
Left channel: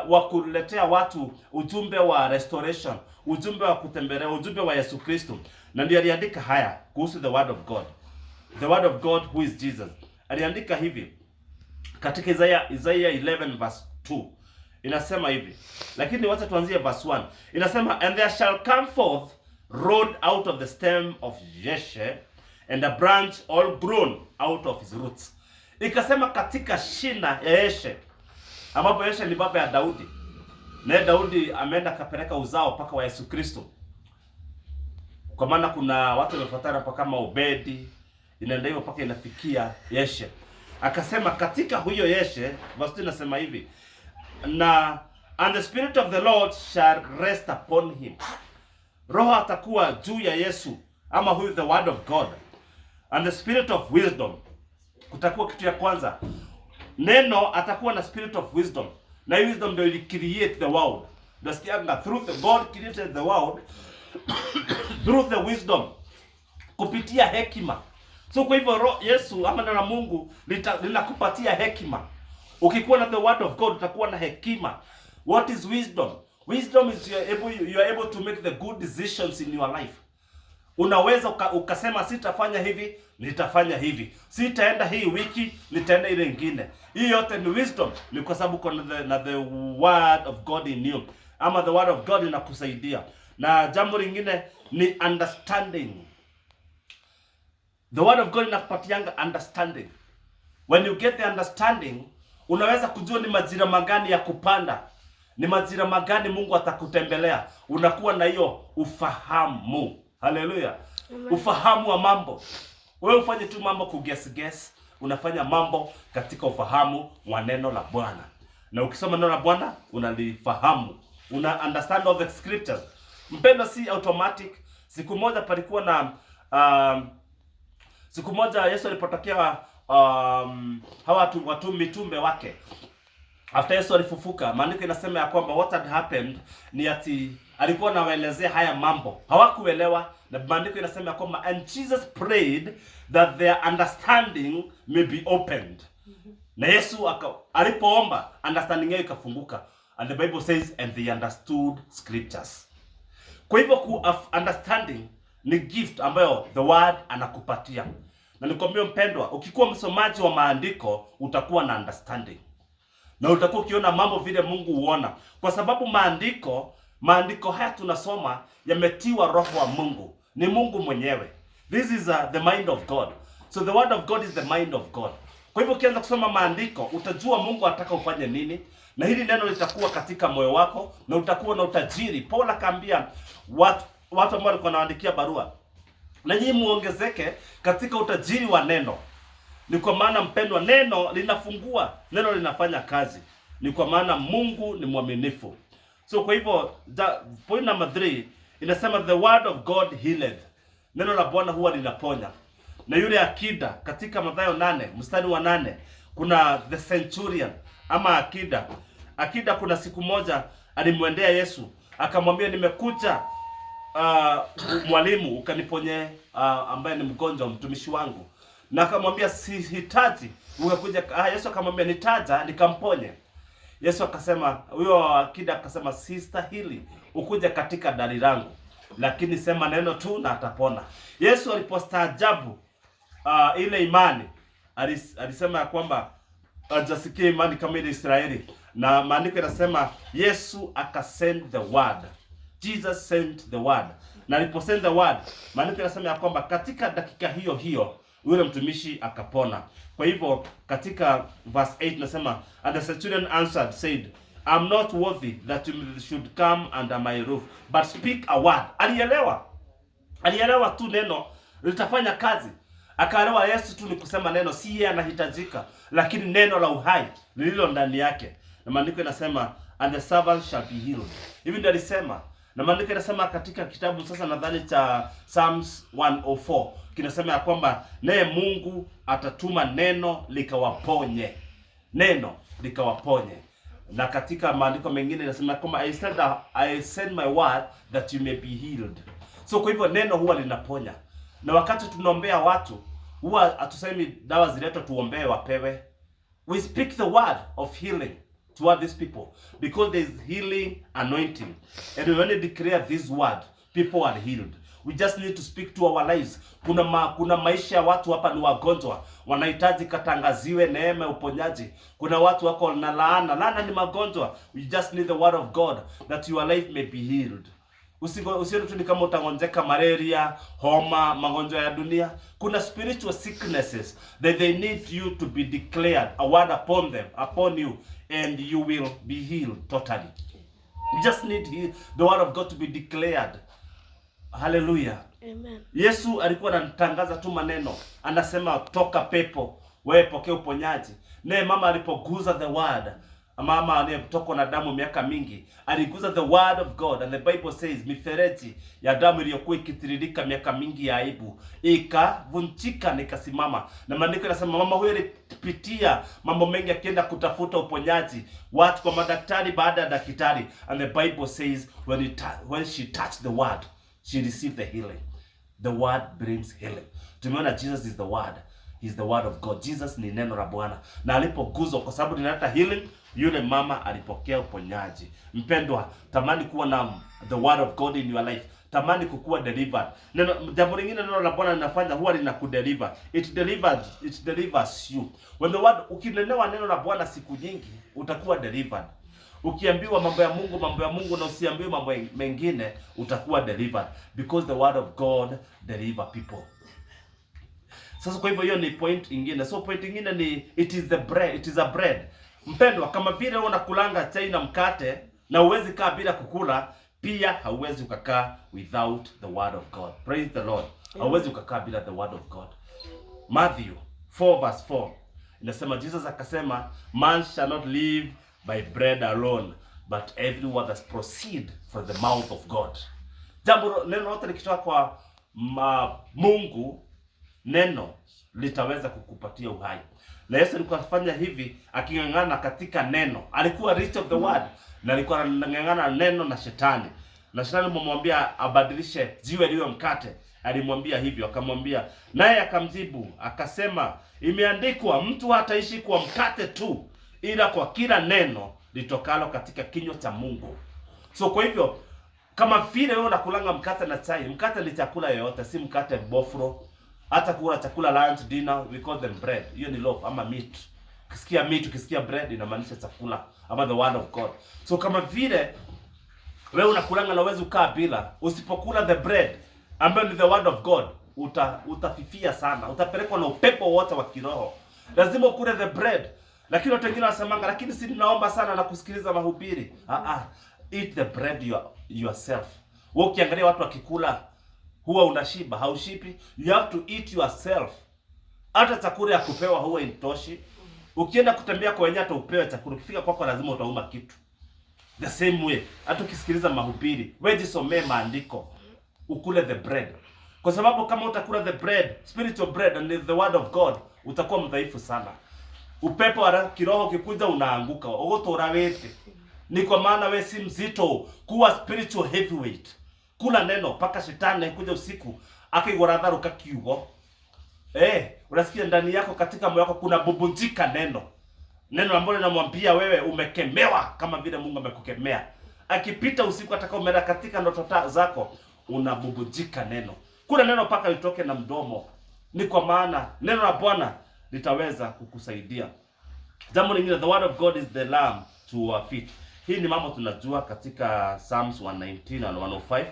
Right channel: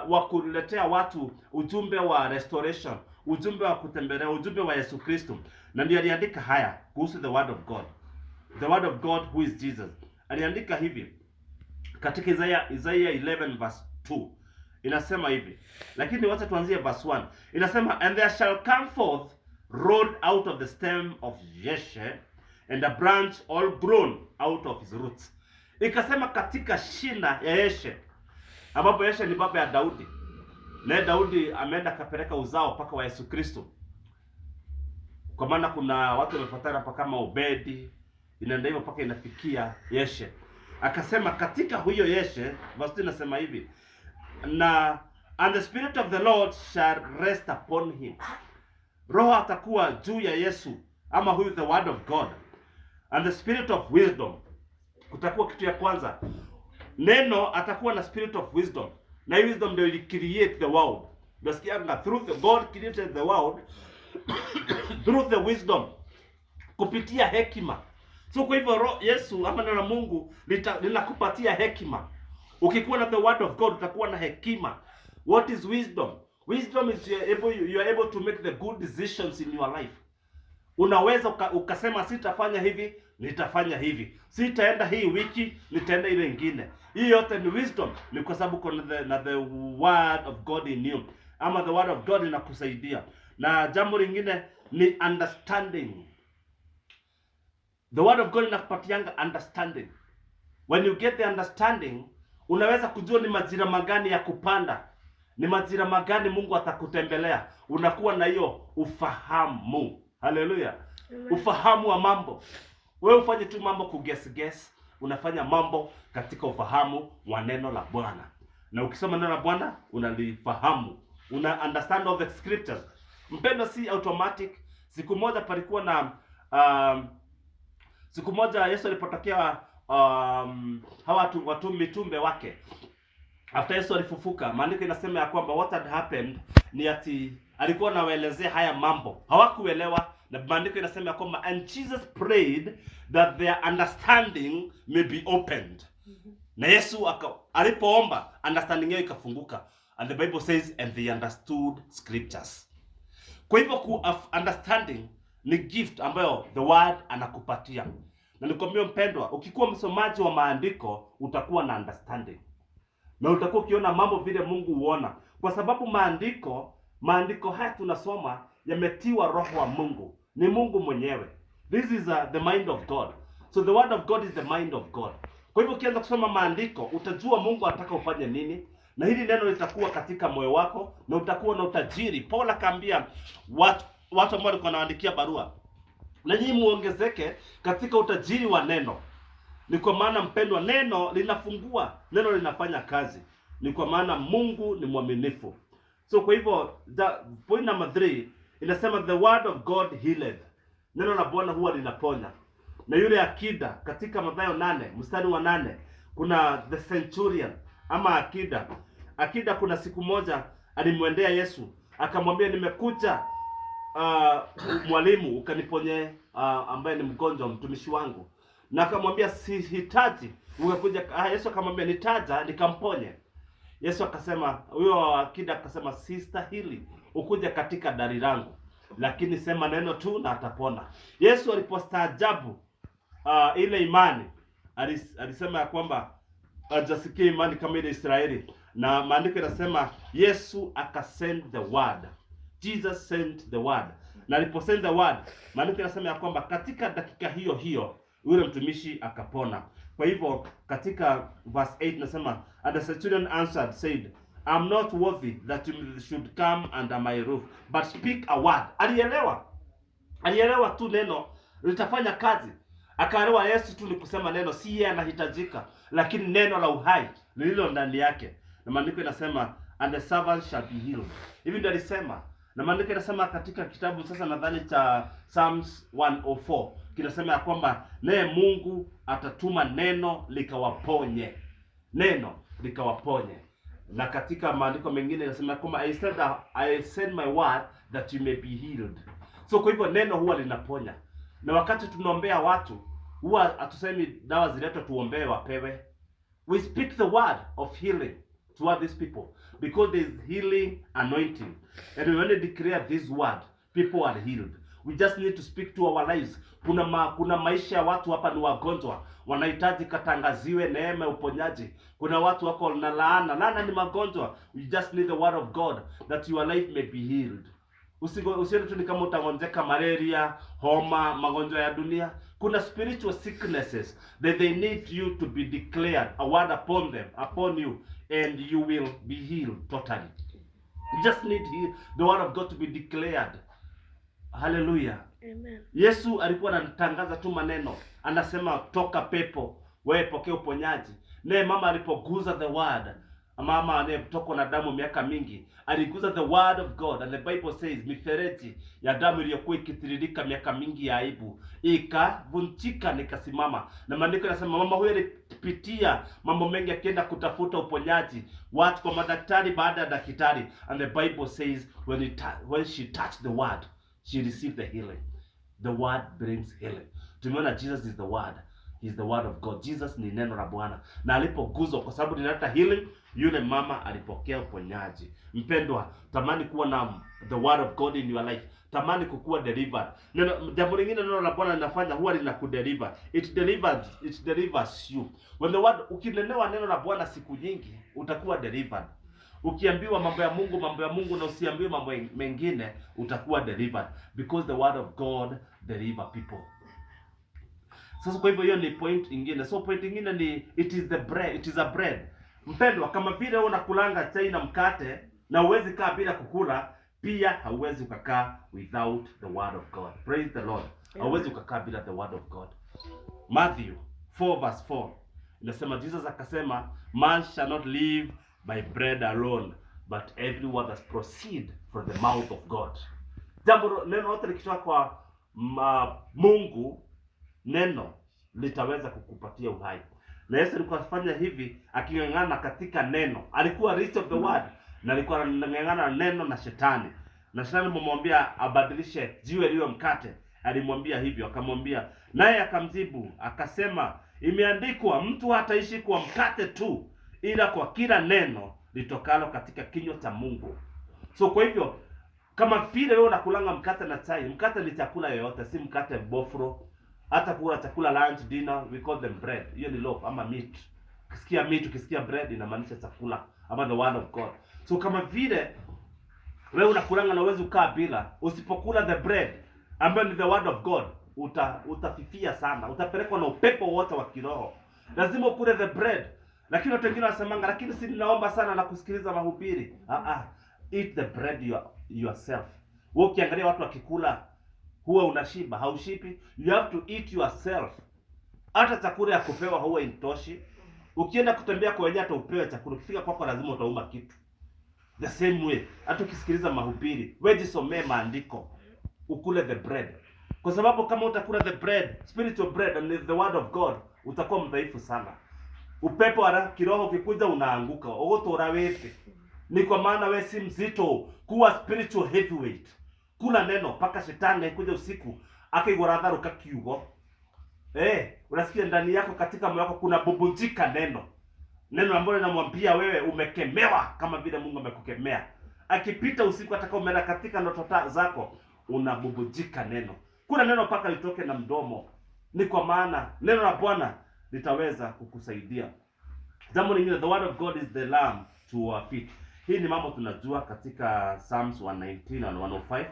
wa kuletea watu ujumbe wa restoration, ujumbe wa kutembelea, ujumbe wa Yesu Kristo. Na ndiye aliandika haya kuhusu the word of God. The word of God who is Jesus. Aliandika hivi katika Isaiah 11 verse 2. Inasema hivi. Lakini wacha tuanzie verse 1. Inasema, and there shall come forth rod out of the stem of Jesse, and a branch all grown out of his roots. Ikasema katika shina ya Yeshe, ambapo Yeshe ni baba ya Daudi. Na Daudi ameenda kapeleka uzao paka wa Yesu Kristo. Kwa maana kuna watu wamefuatana hapa kama Obedi, inaenda hivyo paka inafikia Yeshe. Akasema katika huyo Yeshe, verse 2 inasema hivi, and the spirit of the Lord shall rest upon him. Roho atakuwa juu ya Yesu, ama huyu the word of God. And the spirit of wisdom. Kutakuwa kitu ya kwanza. Neno atakuwa na spirit of wisdom. Na wisdom ndio ili create the world. Nasikianga through the God created the world through the wisdom. Kupitia hekima. So kwa hivyo Yesu ama neno la Mungu linakupatia hekima. Ukikuwa na the word of God utakuwa na hekima. What is wisdom? Wisdom is you are able to make the good decisions in your life. Unaweza ukasema sitafanya hivi, nitafanya hivi. Sitaenda hii wiki, nitaenda ile nyingine. Hii yote ni wisdom, ni kwa sababu kuna the word of God in you. Ama the word of God inakusaidia. Na jambo lingine ni understanding. The word of God inakupatianga understanding. When you get the understanding, unaweza kujua ni majira magani ya kupanda. Ni majira magani Mungu atakutembelea. Unakuwa na hiyo ufahamu. Haleluya. Ufahamu wa mambo. Wewe ufanye tu mambo kuguess. Unafanya mambo katika ufahamu wa neno la Bwana. Na ukisoma neno la Bwana unalifahamu. Una understand all the scriptures. Mpendo si automatic. Siku moja palikuwa na siku moja Yesu alipotokea hawa watu mitume wake. After Yesu alifufuka, maandiko inasema ya kwamba what had happened ni ati alikuwa anawaelezea haya mambo. Hawakuelewa, na maandiko inasema ya kwamba and Jesus prayed that their understanding may be opened. Na Yesu alipoomba understanding yao ikafunguka. And the Bible says and they understood scriptures. Kwa hivyo understanding ni gift ambayo the word anakupatia. Na nikwambie mpendwa, ukikuwa msomaji wa maandiko utakuwa na understanding. Na utakuwa ukiona mambo vile Mungu huona. Kwa sababu maandiko haya tunasoma yametiwa roho wa Mungu. Ni Mungu mwenyewe. This is the mind of God. So the word of God is the mind of God. Kwa hivyo ukianza kusoma maandiko, utajua Mungu anataka ufanye nini. Na hili neno litakuwa katika moyo wako na utakuwa na utajiri. Paulo akaambia watu ambao walikuwa wanaandikia barua, na nyinyi muongezeke katika utajiri wa neno. Ni kwa maana mpendwa, neno linafungua, neno linafanya kazi. Ni kwa maana Mungu ni mwaminifu. So kwa hivyo point number 3 inasema the word of God healeth. Neno la Bwana huwa linaponya. Na yule akida katika Mathayo 8 mstari wa 8 kuna the centurion ama akida. Akida kuna siku moja alimwendea Yesu akamwambia, nimekuja mwalimu ukaniponye ambaye ni mgonjwa mtumishi wangu. Na akamwambia sihitaji ukakuja. Yesu akamwambia nitaja nikamponye. Yesu akasema, huyo akida akasema sistahili ukuja katika dari langu, lakini sema neno tu na atapona. Yesu alipostaajabu ile imani, alisema ya kwamba hajasikia imani kama ile Israeli, na maandiko yanasema Yesu akasend the word. Jesus sent the word. Na aliposend the word, maandiko yanasema ya kwamba katika dakika hiyo hiyo yule mtumishi akapona. Kwa hivyo katika verse 8 nasema, and the centurion answered said, I'm not worthy that you should come under my roof, but speak a word. Alielewa tu neno litafanya kazi. Akaelewa Yesu tu ni kusema neno, si yeye anahitajika, lakini neno la uhai lililo ndani yake. Na maandiko yanasema and the servant shall be healed. Hivi ndio alisema. Na maandiko yanasema katika kitabu sasa nadhani cha Psalms 104 kinasema ya kwamba naye Mungu atatuma neno likawaponye. Neno likawaponye. Na katika maandiko mengine yanasema kwamba I send my word that you may be healed. So kwa hivyo neno huwa linaponya. Na wakati tunaombea watu, huwa hatusemi dawa ziletwe tuombee wapewe. We speak the word of healing toward these people because there is healing anointing. And when we declare this word, people are healed. We just need to speak to our lives. Kuna maisha ya watu hapa ni wagonjwa, wanahitaji katangaziwe neema ya uponyaji. Kuna watu wako na laana ni magonjwa. We just need the word of God that your life may be healed. Usione tu ni kama utagonjeka malaria, homa, magonjwa ya dunia. Kuna spiritual sicknesses that they need you to be declared a word upon you, and you will be healed totally. You just need the word of God to be declared. Hallelujah. Amen. Yesu alikuwa anatangaza tu maneno, anasema toka pepo, wewe pokea uponyaji. Naye mama alipoguza the word, mama aliyetokwa na damu miaka mingi, aliguza the word of God, and the Bible says mifereji ya damu iliyokuwa ikitiririka miaka mingi ya aibu ikavunjika na ikasimama. Na maandiko yanasema mama huyo alipitia mambo mengi akienda kutafuta uponyaji, watu kwa madaktari baada ya daktari, and the Bible says when she touched the word, she received the healing. The word brings healing. Tumeona Jesus is the word. He's the word of God. Jesus ni neno la Bwana. Na alipoguzwa kwa sababu linaleta healing, yule mama alipokea uponyaji. Mpendwa, tamani kuwa na the word of God in your life. Tamani kukuwa delivered. Jambo lingine neno la Bwana linafanya huwa linakudeliver. It delivers you. When the word, ukinenewa neno la Bwana siku nyingi, utakuwa delivered. Ukiambiwa mambo ya Mungu na usiambiwe mambo mengine, utakuwa delivered, because the word of God deliver people. Sasa kwa hivyo hiyo ni point ingine. So point ingine ni it is a bread. Mpendwa, kama vile unakulanga chai na mkate na uwezi kaa bila kukula, pia hauwezi ukakaa without the word of God. Praise the Lord. Hauwezi ukakaa bila the word of God. Matthew 4:4 inasema, Jesus akasema, man shall not live by bread alone, but every word that proceed from the mouth of God. Jambo neno lote likitoka kwa Mungu, neno litaweza kukupatia uhai. Na Yesu alikuwa afanya hivi akingangana katika neno. Alikuwa rich of the word, na alikuwa anangangana neno na shetani. Na shetani alimwambia abadilishe jiwe liwe mkate. Alimwambia hivyo, akamwambia, naye akamjibu akasema, imeandikwa, mtu hataishi kwa mkate tu, ila kwa kila neno litokalo katika kinywa cha Mungu. So kwa hivyo kama vile wewe unakulanga mkate na chai, mkate ni chakula yoyote, si mkate bofro. Hata kula chakula lunch, dinner, we call them bread. Hiyo ni loaf ama meat. Ukisikia meat, ukisikia bread inamaanisha chakula ama the word of God. So kama vile wewe unakulanga na uwezi ukaa bila, usipokula the bread ambayo ni the word of God, utafifia sana. Utapelekwa na upepo wote wa kiroho. Lazima ukule the bread. Lakini watu wengine wanasemanga, lakini si ninaomba sana na kusikiliza mahubiri. Eat the bread yourself. Wewe ukiangalia watu wakikula huwa unashiba, haushibi. You have to eat yourself. Hata chakula ya kupewa huwa intoshi. Ukienda kutembea kwa wenyewe hata upewe chakula, ukifika kwako lazima utauma kitu. The same way, hata ukisikiliza mahubiri, wewe jisomee maandiko, ukule the bread. Kwa sababu kama utakula the bread, spiritual bread and the word of God, utakuwa mdhaifu sana. Upepo wa kiroho ukikuja unaanguka. Ogotora wewe. Ni kwa maana wewe si mzito, kuwa spiritual heavyweight. Kula neno paka shetani kuja usiku akigoradharuka kiugo. Unasikia ndani yako, katika moyo wako kuna bubunjika neno. Neno ambalo linamwambia wewe umekemewa kama vile Mungu amekukemea. Akipita usiku atakao umeenda katika ndoto zako, unabubujika neno. Kuna neno paka litoke na mdomo. Ni kwa maana neno la Bwana litaweza kukusaidia. Jambo lingine, the word of God is the lamp to our feet. Hii ni mambo tunajua katika Psalms 119 and 105.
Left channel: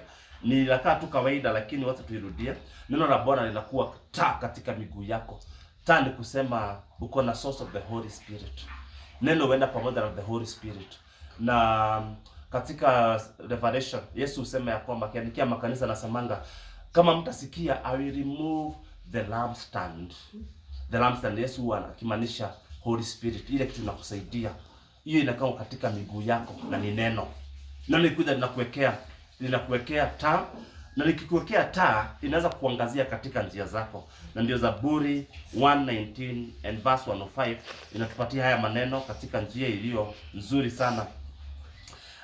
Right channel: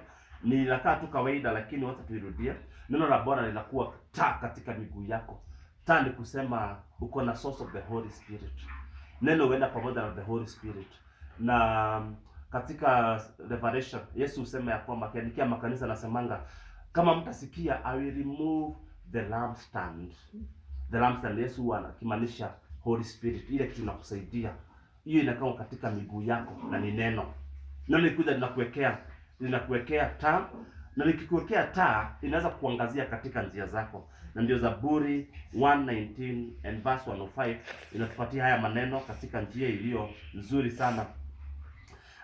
Ni lakaa tu kawaida, lakini wacha tuirudie. Neno la Bwana linakuwa taa katika miguu yako. Taa ni kusema uko na source of the Holy Spirit. Neno huenda pamoja na the Holy Spirit. Na katika Revelation Yesu husema ya kwamba akiandikia makanisa anasemanga, kama mtasikia I will remove the lampstand. The lampstand, Yesu anakimaanisha Holy Spirit, ile kitu inakusaidia. Hiyo inakaa katika miguu yako na ni neno. Neno likuja linakuwekea taa, na likikuwekea taa inaweza kuangazia katika njia zako. Na ndio Zaburi 119 and verse 105 inatupatia haya maneno katika njia iliyo nzuri sana.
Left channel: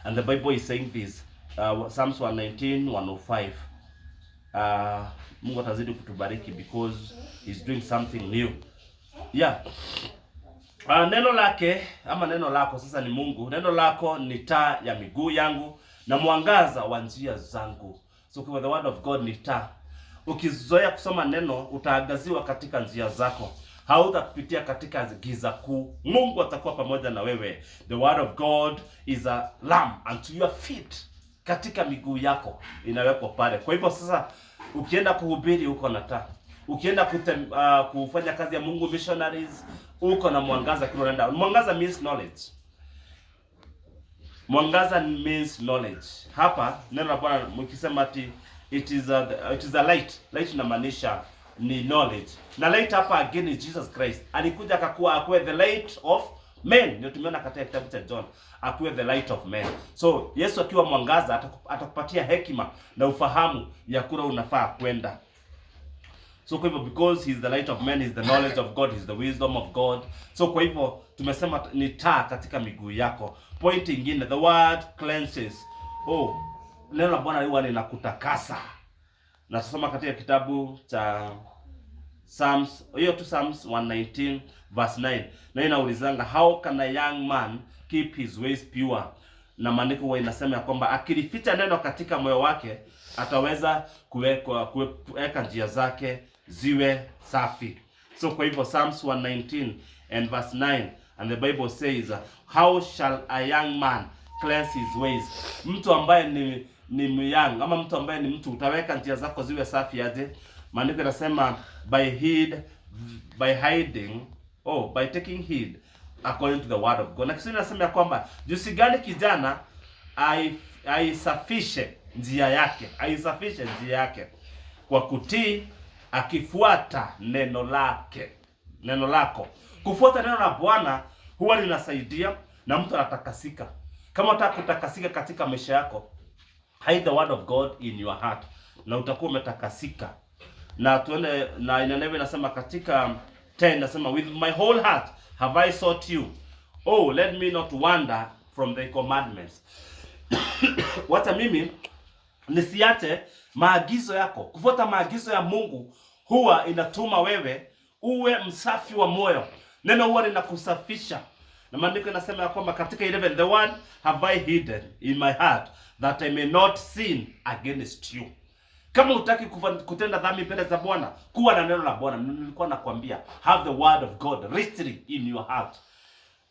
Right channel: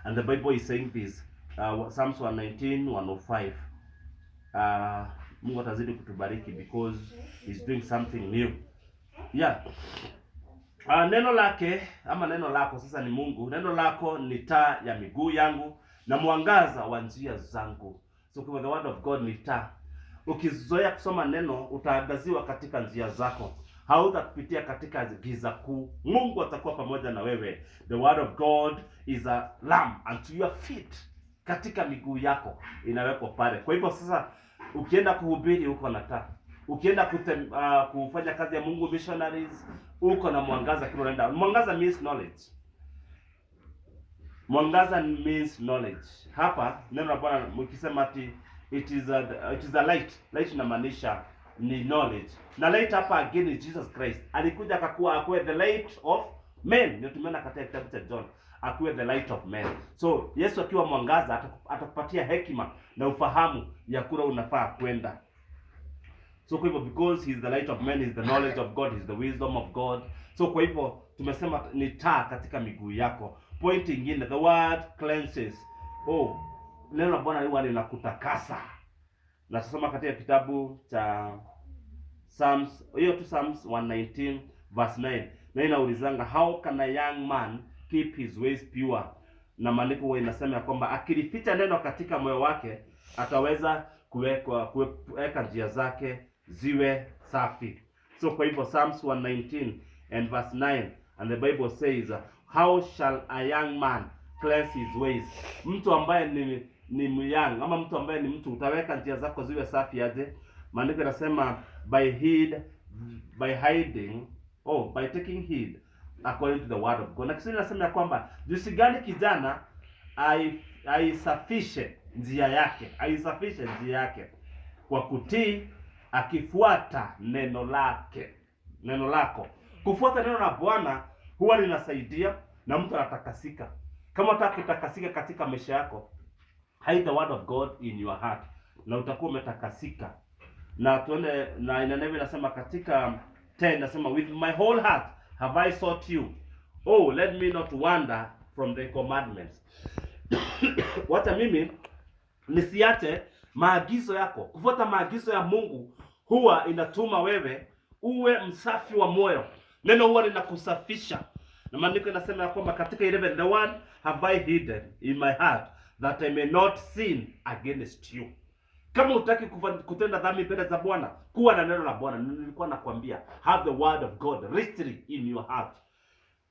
And the Bible is saying this, Psalms 119, 105. Mungu atazidi kutubariki because he's doing something new. Yeah. Neno lake ama neno lako sasa ni Mungu. Neno lako ni taa ya miguu yangu na mwangaza wa njia zangu. So kwa the word of God ni taa. Ukizoea kusoma neno utaangaziwa katika njia zako. Hautapitia katika giza kuu. Mungu atakuwa pamoja na wewe. The word of God is a lamp unto your feet. Katika miguu yako inawekwa pale. Kwa hivyo sasa ukienda kuhubiri uko na taa. Ukienda kufanya kazi ya Mungu missionaries, uko na mwangaza kile unaenda. Mwangaza means knowledge. Mwangaza means knowledge. Hapa neno la Bwana mkisema ati it is a light. Light inamaanisha ni knowledge. Na light hapa again is Jesus Christ. Alikuja akakuwa the light of men. Ndio tumeona katika kitabu cha John, akuwe the light of men. So Yesu akiwa mwangaza atakupatia hekima na ufahamu ya kura unafaa kwenda. So kwa hivyo because he is the light of men, he is the knowledge of God, he is the wisdom of God. So kwa hivyo tumesema ni taa katika miguu yako. Point ingine, the word cleanses. Neno la Bwana huwa linakutakasa. Na tusoma katika kitabu cha Psalms 119 verse 9. Na inaulizanga, how can a young man keep his ways pure? Na maandiko huwa inasema ya kwamba akilificha neno katika moyo wake ataweza kuweka njia zake ziwe safi. So kwa hivyo Psalms 119 and verse 9, and the Bible says, how shall a young man cleanse his ways? Mtu ambaye ni myang ama mtu ambaye ni mtu, utaweka njia zako ziwe safi aje? Maandiko yanasema by taking heed according to the word of God. Na Kiswahili nasema ya kwamba jinsi gani kijana aisafishe njia yake kwa kutii, akifuata neno lako. Kufuata neno la Bwana huwa linasaidia na mtu anatakasika. Kama unataka kutakasika katika maisha yako, hide the word of God in your heart na utakuwa umetakasika. Na tuone na inaneno inasema katika 10 nasema, with my whole heart have I sought you. Let me not wander from the commandments. Wacha mimi nisiache maagizo yako. Kufuata maagizo ya Mungu huwa inatuma wewe uwe msafi wa moyo. Neno huwa linakusafisha. Na maandiko yanasema ya kwamba katika 11, the word have I hidden in my heart that I may not sin against you. Kama hutaki kutenda dhambi mbele za Bwana, kuwa na neno la Bwana. Nilikuwa nakwambia, have the word of God richly in your heart.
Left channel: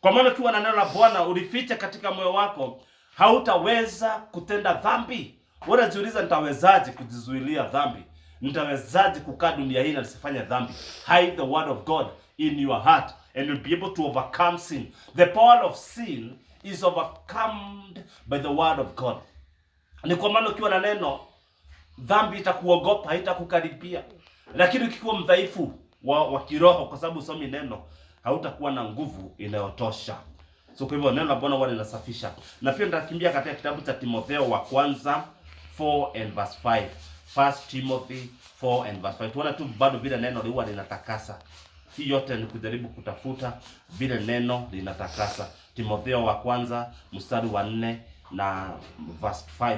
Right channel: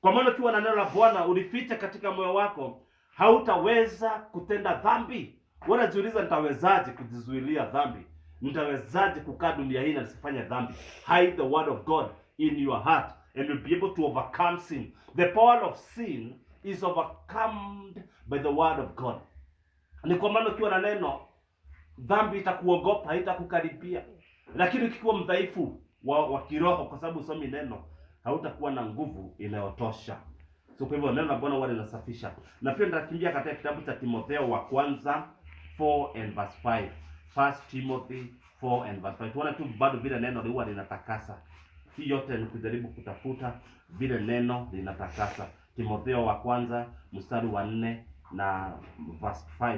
Kwa maana ukiwa na neno la Bwana ulificha katika moyo wako, hautaweza kutenda dhambi. Unajiuliza, nitawezaje kujizuilia dhambi? Nitawezaje kukaa dunia hii na nisifanye dhambi? Hide the word of God in your heart and you'll be able to overcome sin. The power of sin is overcome by the word of God. Ni kwa maana ukiwa na neno, dhambi itakuogopa, haitakukaribia. Lakini ukiwa mdhaifu wa kiroho kwa sababu usomi neno, hautakuwa na nguvu inayotosha. So kwa hivyo neno la Bwana huwa linasafisha. Na pia nitakimbia katika kitabu cha Timotheo wa kwanza 4 and verse 5. 1 Timothy 4 and verse 5. Tuona tu bado vile neno huwa linatakasa. Hii yote ni kujaribu kutafuta vile neno linatakasa. Timotheo wa kwanza mstari wa 4 na verse 5.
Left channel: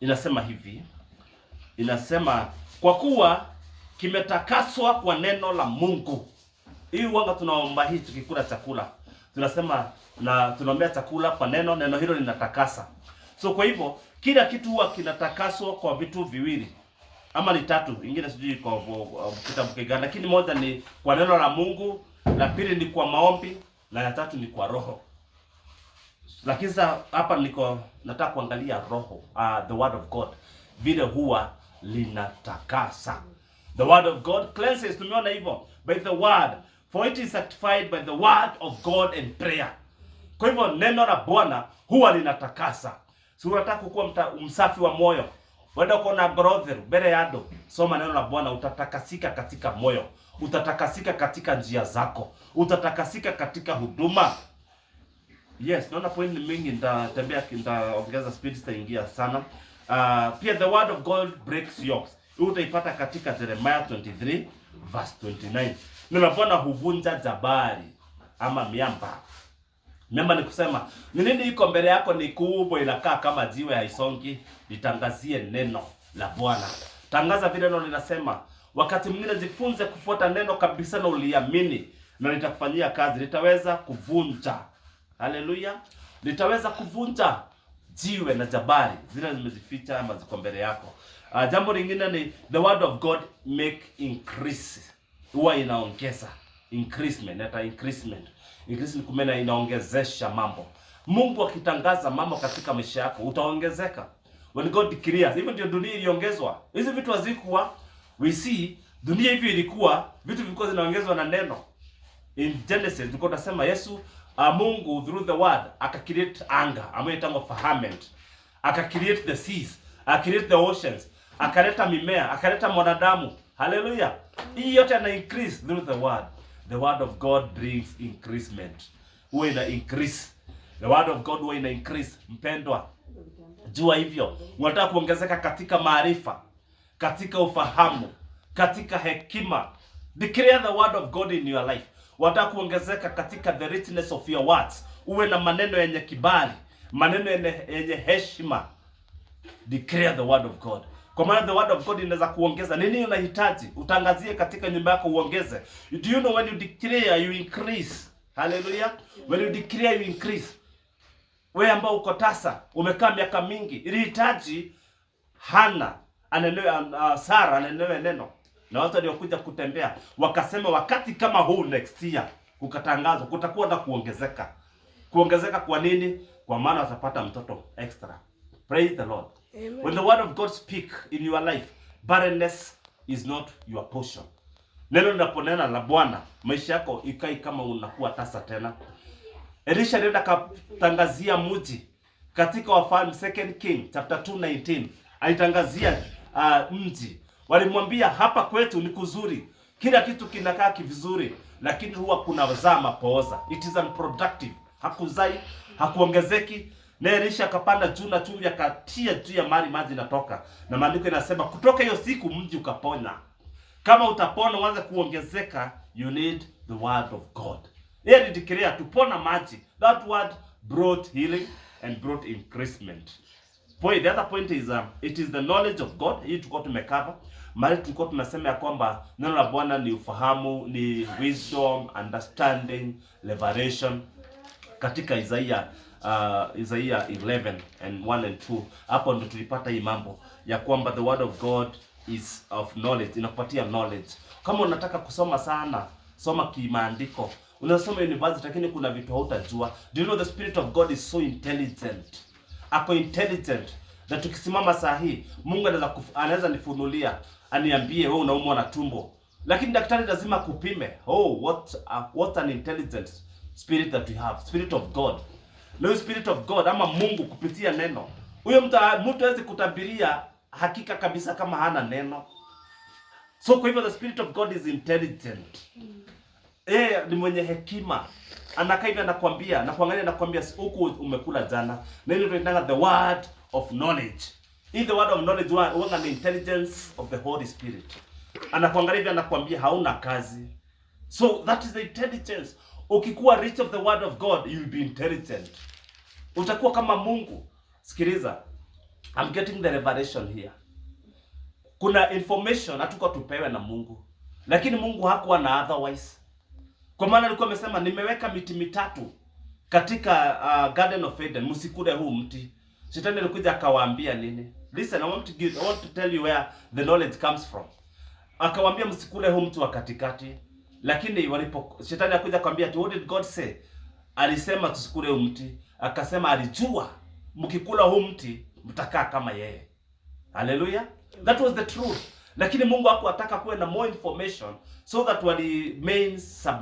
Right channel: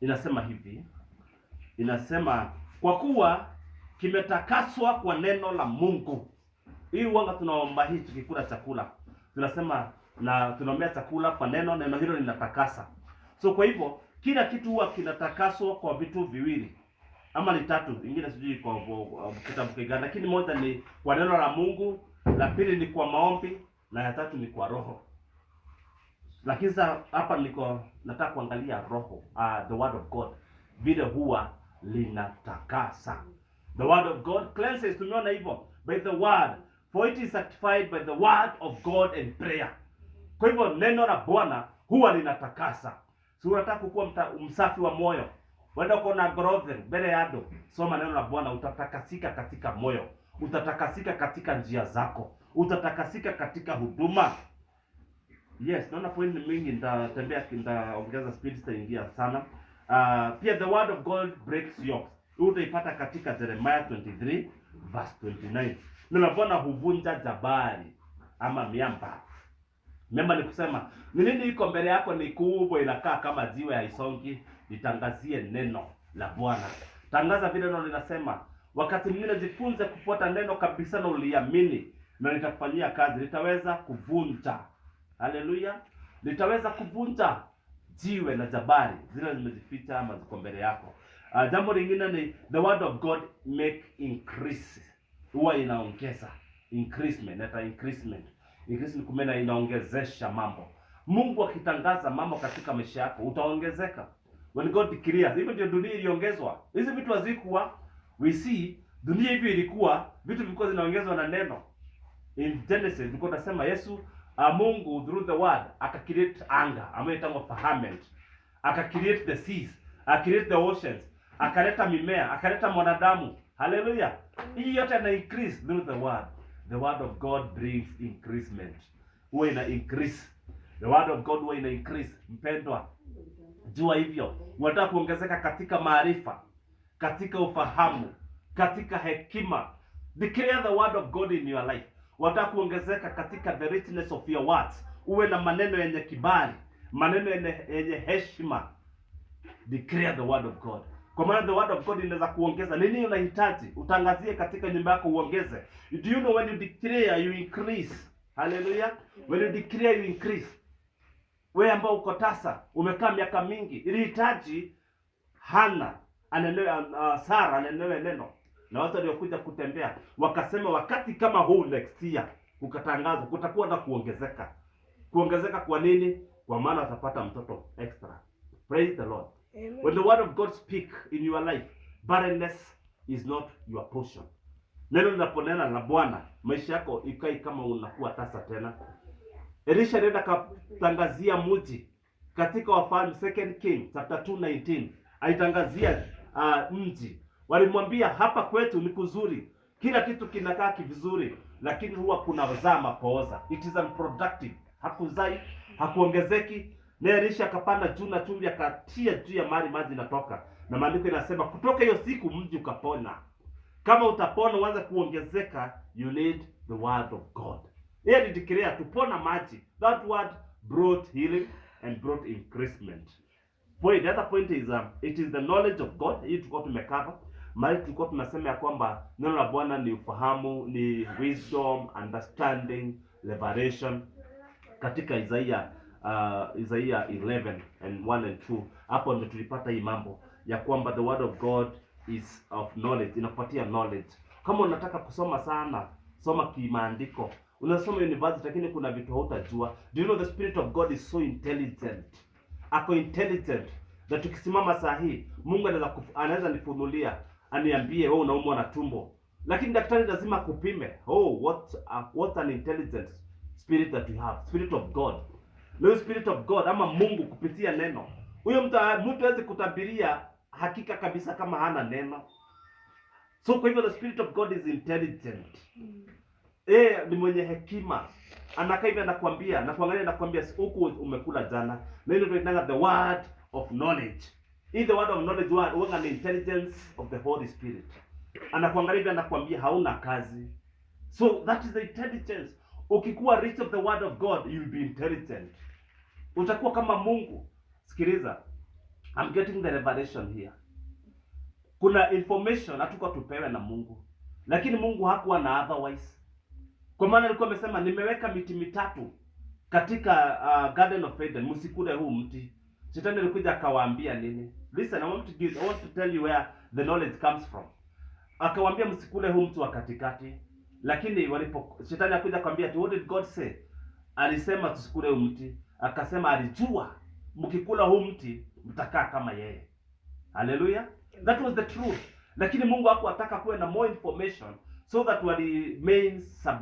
Inasema hivi. Inasema, kwa kuwa kimetakaswa kwa neno la Mungu. Hii wanga tunaomba hii tukikula chakula. Tunasema na tunaombea chakula kwa neno hilo linatakasa. So kwa hivyo kila kitu huwa kinatakaswa kwa vitu viwili. ama ni 3, ingine sijui kwa kitabu gani, lakini moja ni kwa neno la Mungu, la pili ni kwa maombi, na ya 3 ni kwa roho. Lakini sasa hapa nataka kuangalia roho, the word of God, vile huwa linatakasa. The word of God cleanses, tumeona hivyo, by the word, for it is sanctified by the word of God and prayer. Kwa hivyo neno la Bwana huwa linatakasa. Si unataka kuwa msafi wa moyo, wenda uko na growth mbele yado, soma neno la Bwana, utatakasika katika moyo, utatakasika katika njia zako, utatakasika katika huduma. Yes, naona point mingi, nitaongeza speed, sitaingia sana. Pia the word of God breaks yokes. Utaipata katika Jeremiah 23 verse 29. Neno la Bwana huvunja jabari ama miamba. Miamba ni kusema, ni nini iko mbele yako ni kubwa, inakaa kama jiwe, haisongi. Litangazie neno la Bwana. Tangaza vile neno linasema. Wakati mwingine jifunze kufuata neno kabisa na uliamini, na litakufanyia kazi, litaweza kuvunja. Haleluya. Litaweza kuvunja jiwe na jabari zile zimejificha ama ziko mbele yako. Jambo lingine ni the word of God make increase. Huwa inaongeza increasement, increasement kumena inaongezesha mambo. Mungu akitangaza mambo katika maisha yako, utaongezeka. When God declares, hivyo ndio dunia iliongezwa. Hizi vitu hazikuwa, we see dunia hivi ilikuwa, vitu vilikuwa zinaongezwa na neno. In Genesis tulikuwa tunasema Yesu Mungu through the word akacreate anga, ambayo inaitwa firmament. Akacreate the seas, akacreate the oceans, akaleta mimea, akaleta mwanadamu. Hallelujah. Hii yote ina increase through the word. The word of God brings increasement. Huwa ina increase. The word of God huwa ina increase. Mpendwa, jua hivyo. Unataka kuongezeka katika maarifa, katika ufahamu, katika hekima. Declare the word of God in your life. Unataka kuongezeka katika the richness of your words. Uwe na maneno yenye kibali, maneno yenye heshima. Declare the word of God. Kwa maana the word of God inaweza kuongeza. Nini unahitaji? Utangazie katika nyumba yako uongeze. Do you know when you declare you increase? Hallelujah. When you declare you increase. Wewe ambao uko tasa, umekaa miaka mingi, ilihitaji Hana anenewe, Sara anenewe neno. Na watu waliokuja kutembea wakasema wakati kama huu next year ukatangazwa kutakuwa na kuongezeka. Kuongezeka kwa nini? Kwa maana watapata mtoto extra. Praise the Lord. Amen. When the word of God speak in your life, barrenness is not your portion. Neno linaponena la Bwana, maisha yako ikai kama unakuwa tasa tena. Elisha alienda katangazia mji katika Wafalme 2 King chapter 2:19. Alitangazia mji. Walimwambia hapa kwetu ni kuzuri. Kila kitu kinakaa kivizuri, lakini huwa kuna zaa mapooza. It is unproductive. Hakuzai, hakuongezeki. Na Elisha akapanda juu na chumvi akatia juu ya maji natoka. Na maandiko yanasema kutoka hiyo siku mji ukapona. Kama utapona uanze kuongezeka, you need the word of God. Yeye alideclare tupona maji. That word brought healing and brought increasement. The other point is it is the knowledge of God. Hii tulikuwa tumekava. Mali tulikuwa tunasema ya kwamba neno la Bwana ni ufahamu, ni wisdom, understanding, revelation. Katika Isaiah 11 and 1 and 2, hapo ndio tulipata hii mambo ya kwamba the word of God is of knowledge, inakupatia knowledge. Kama unataka kusoma sana, soma kimaandiko. Unasoma university lakini kuna vitu hautajua. Do you know the spirit of God is so intelligent? Ako intelligent that tukisimama saa hii Mungu anaweza nifunulia, aniambie wewe unaumwa na tumbo. Lakini daktari lazima kupime. What an intelligent spirit that we have. Spirit of God. No spirit of God ama Mungu kupitia neno. Huyo mtu hawezi kutabiria hakika kabisa kama hana neno. So kwa hivyo the spirit of God is intelligent. Ni mwenye hekima. Anakaa hivi anakuambia, anakuambia huku umekula jana. Neno tunaitanga the word of knowledge. In the word of knowledge huwa ni intelligence of the Holy Spirit. Anakuangalia hivi anakuambia hauna kazi. So that is the intelligence. Ukikuwa rich of the word of God, you'll be intelligent. Utakuwa kama Mungu. Sikiliza. I'm getting the revelation here. Kuna information hatuko tupewe na Mungu. Lakini Mungu hakuwa na otherwise. Kwa maana alikuwa amesema nimeweka miti 3 katika Garden of Eden, msikule huu mti. Shetani alikuja akawaambia nini? Listen, I want to tell you where the knowledge comes from. Akawaambia msikule huu mti wa katikati. Lakini shetani akuja akamwambia, what did God say? Alisema tusikule huu mti. Akasema alijua mkikula huu mti mtakaa kama yeye. Hallelujah. That was the truth. Lakini Mungu hakuwataka kuwe na more information so that wali remain submissive.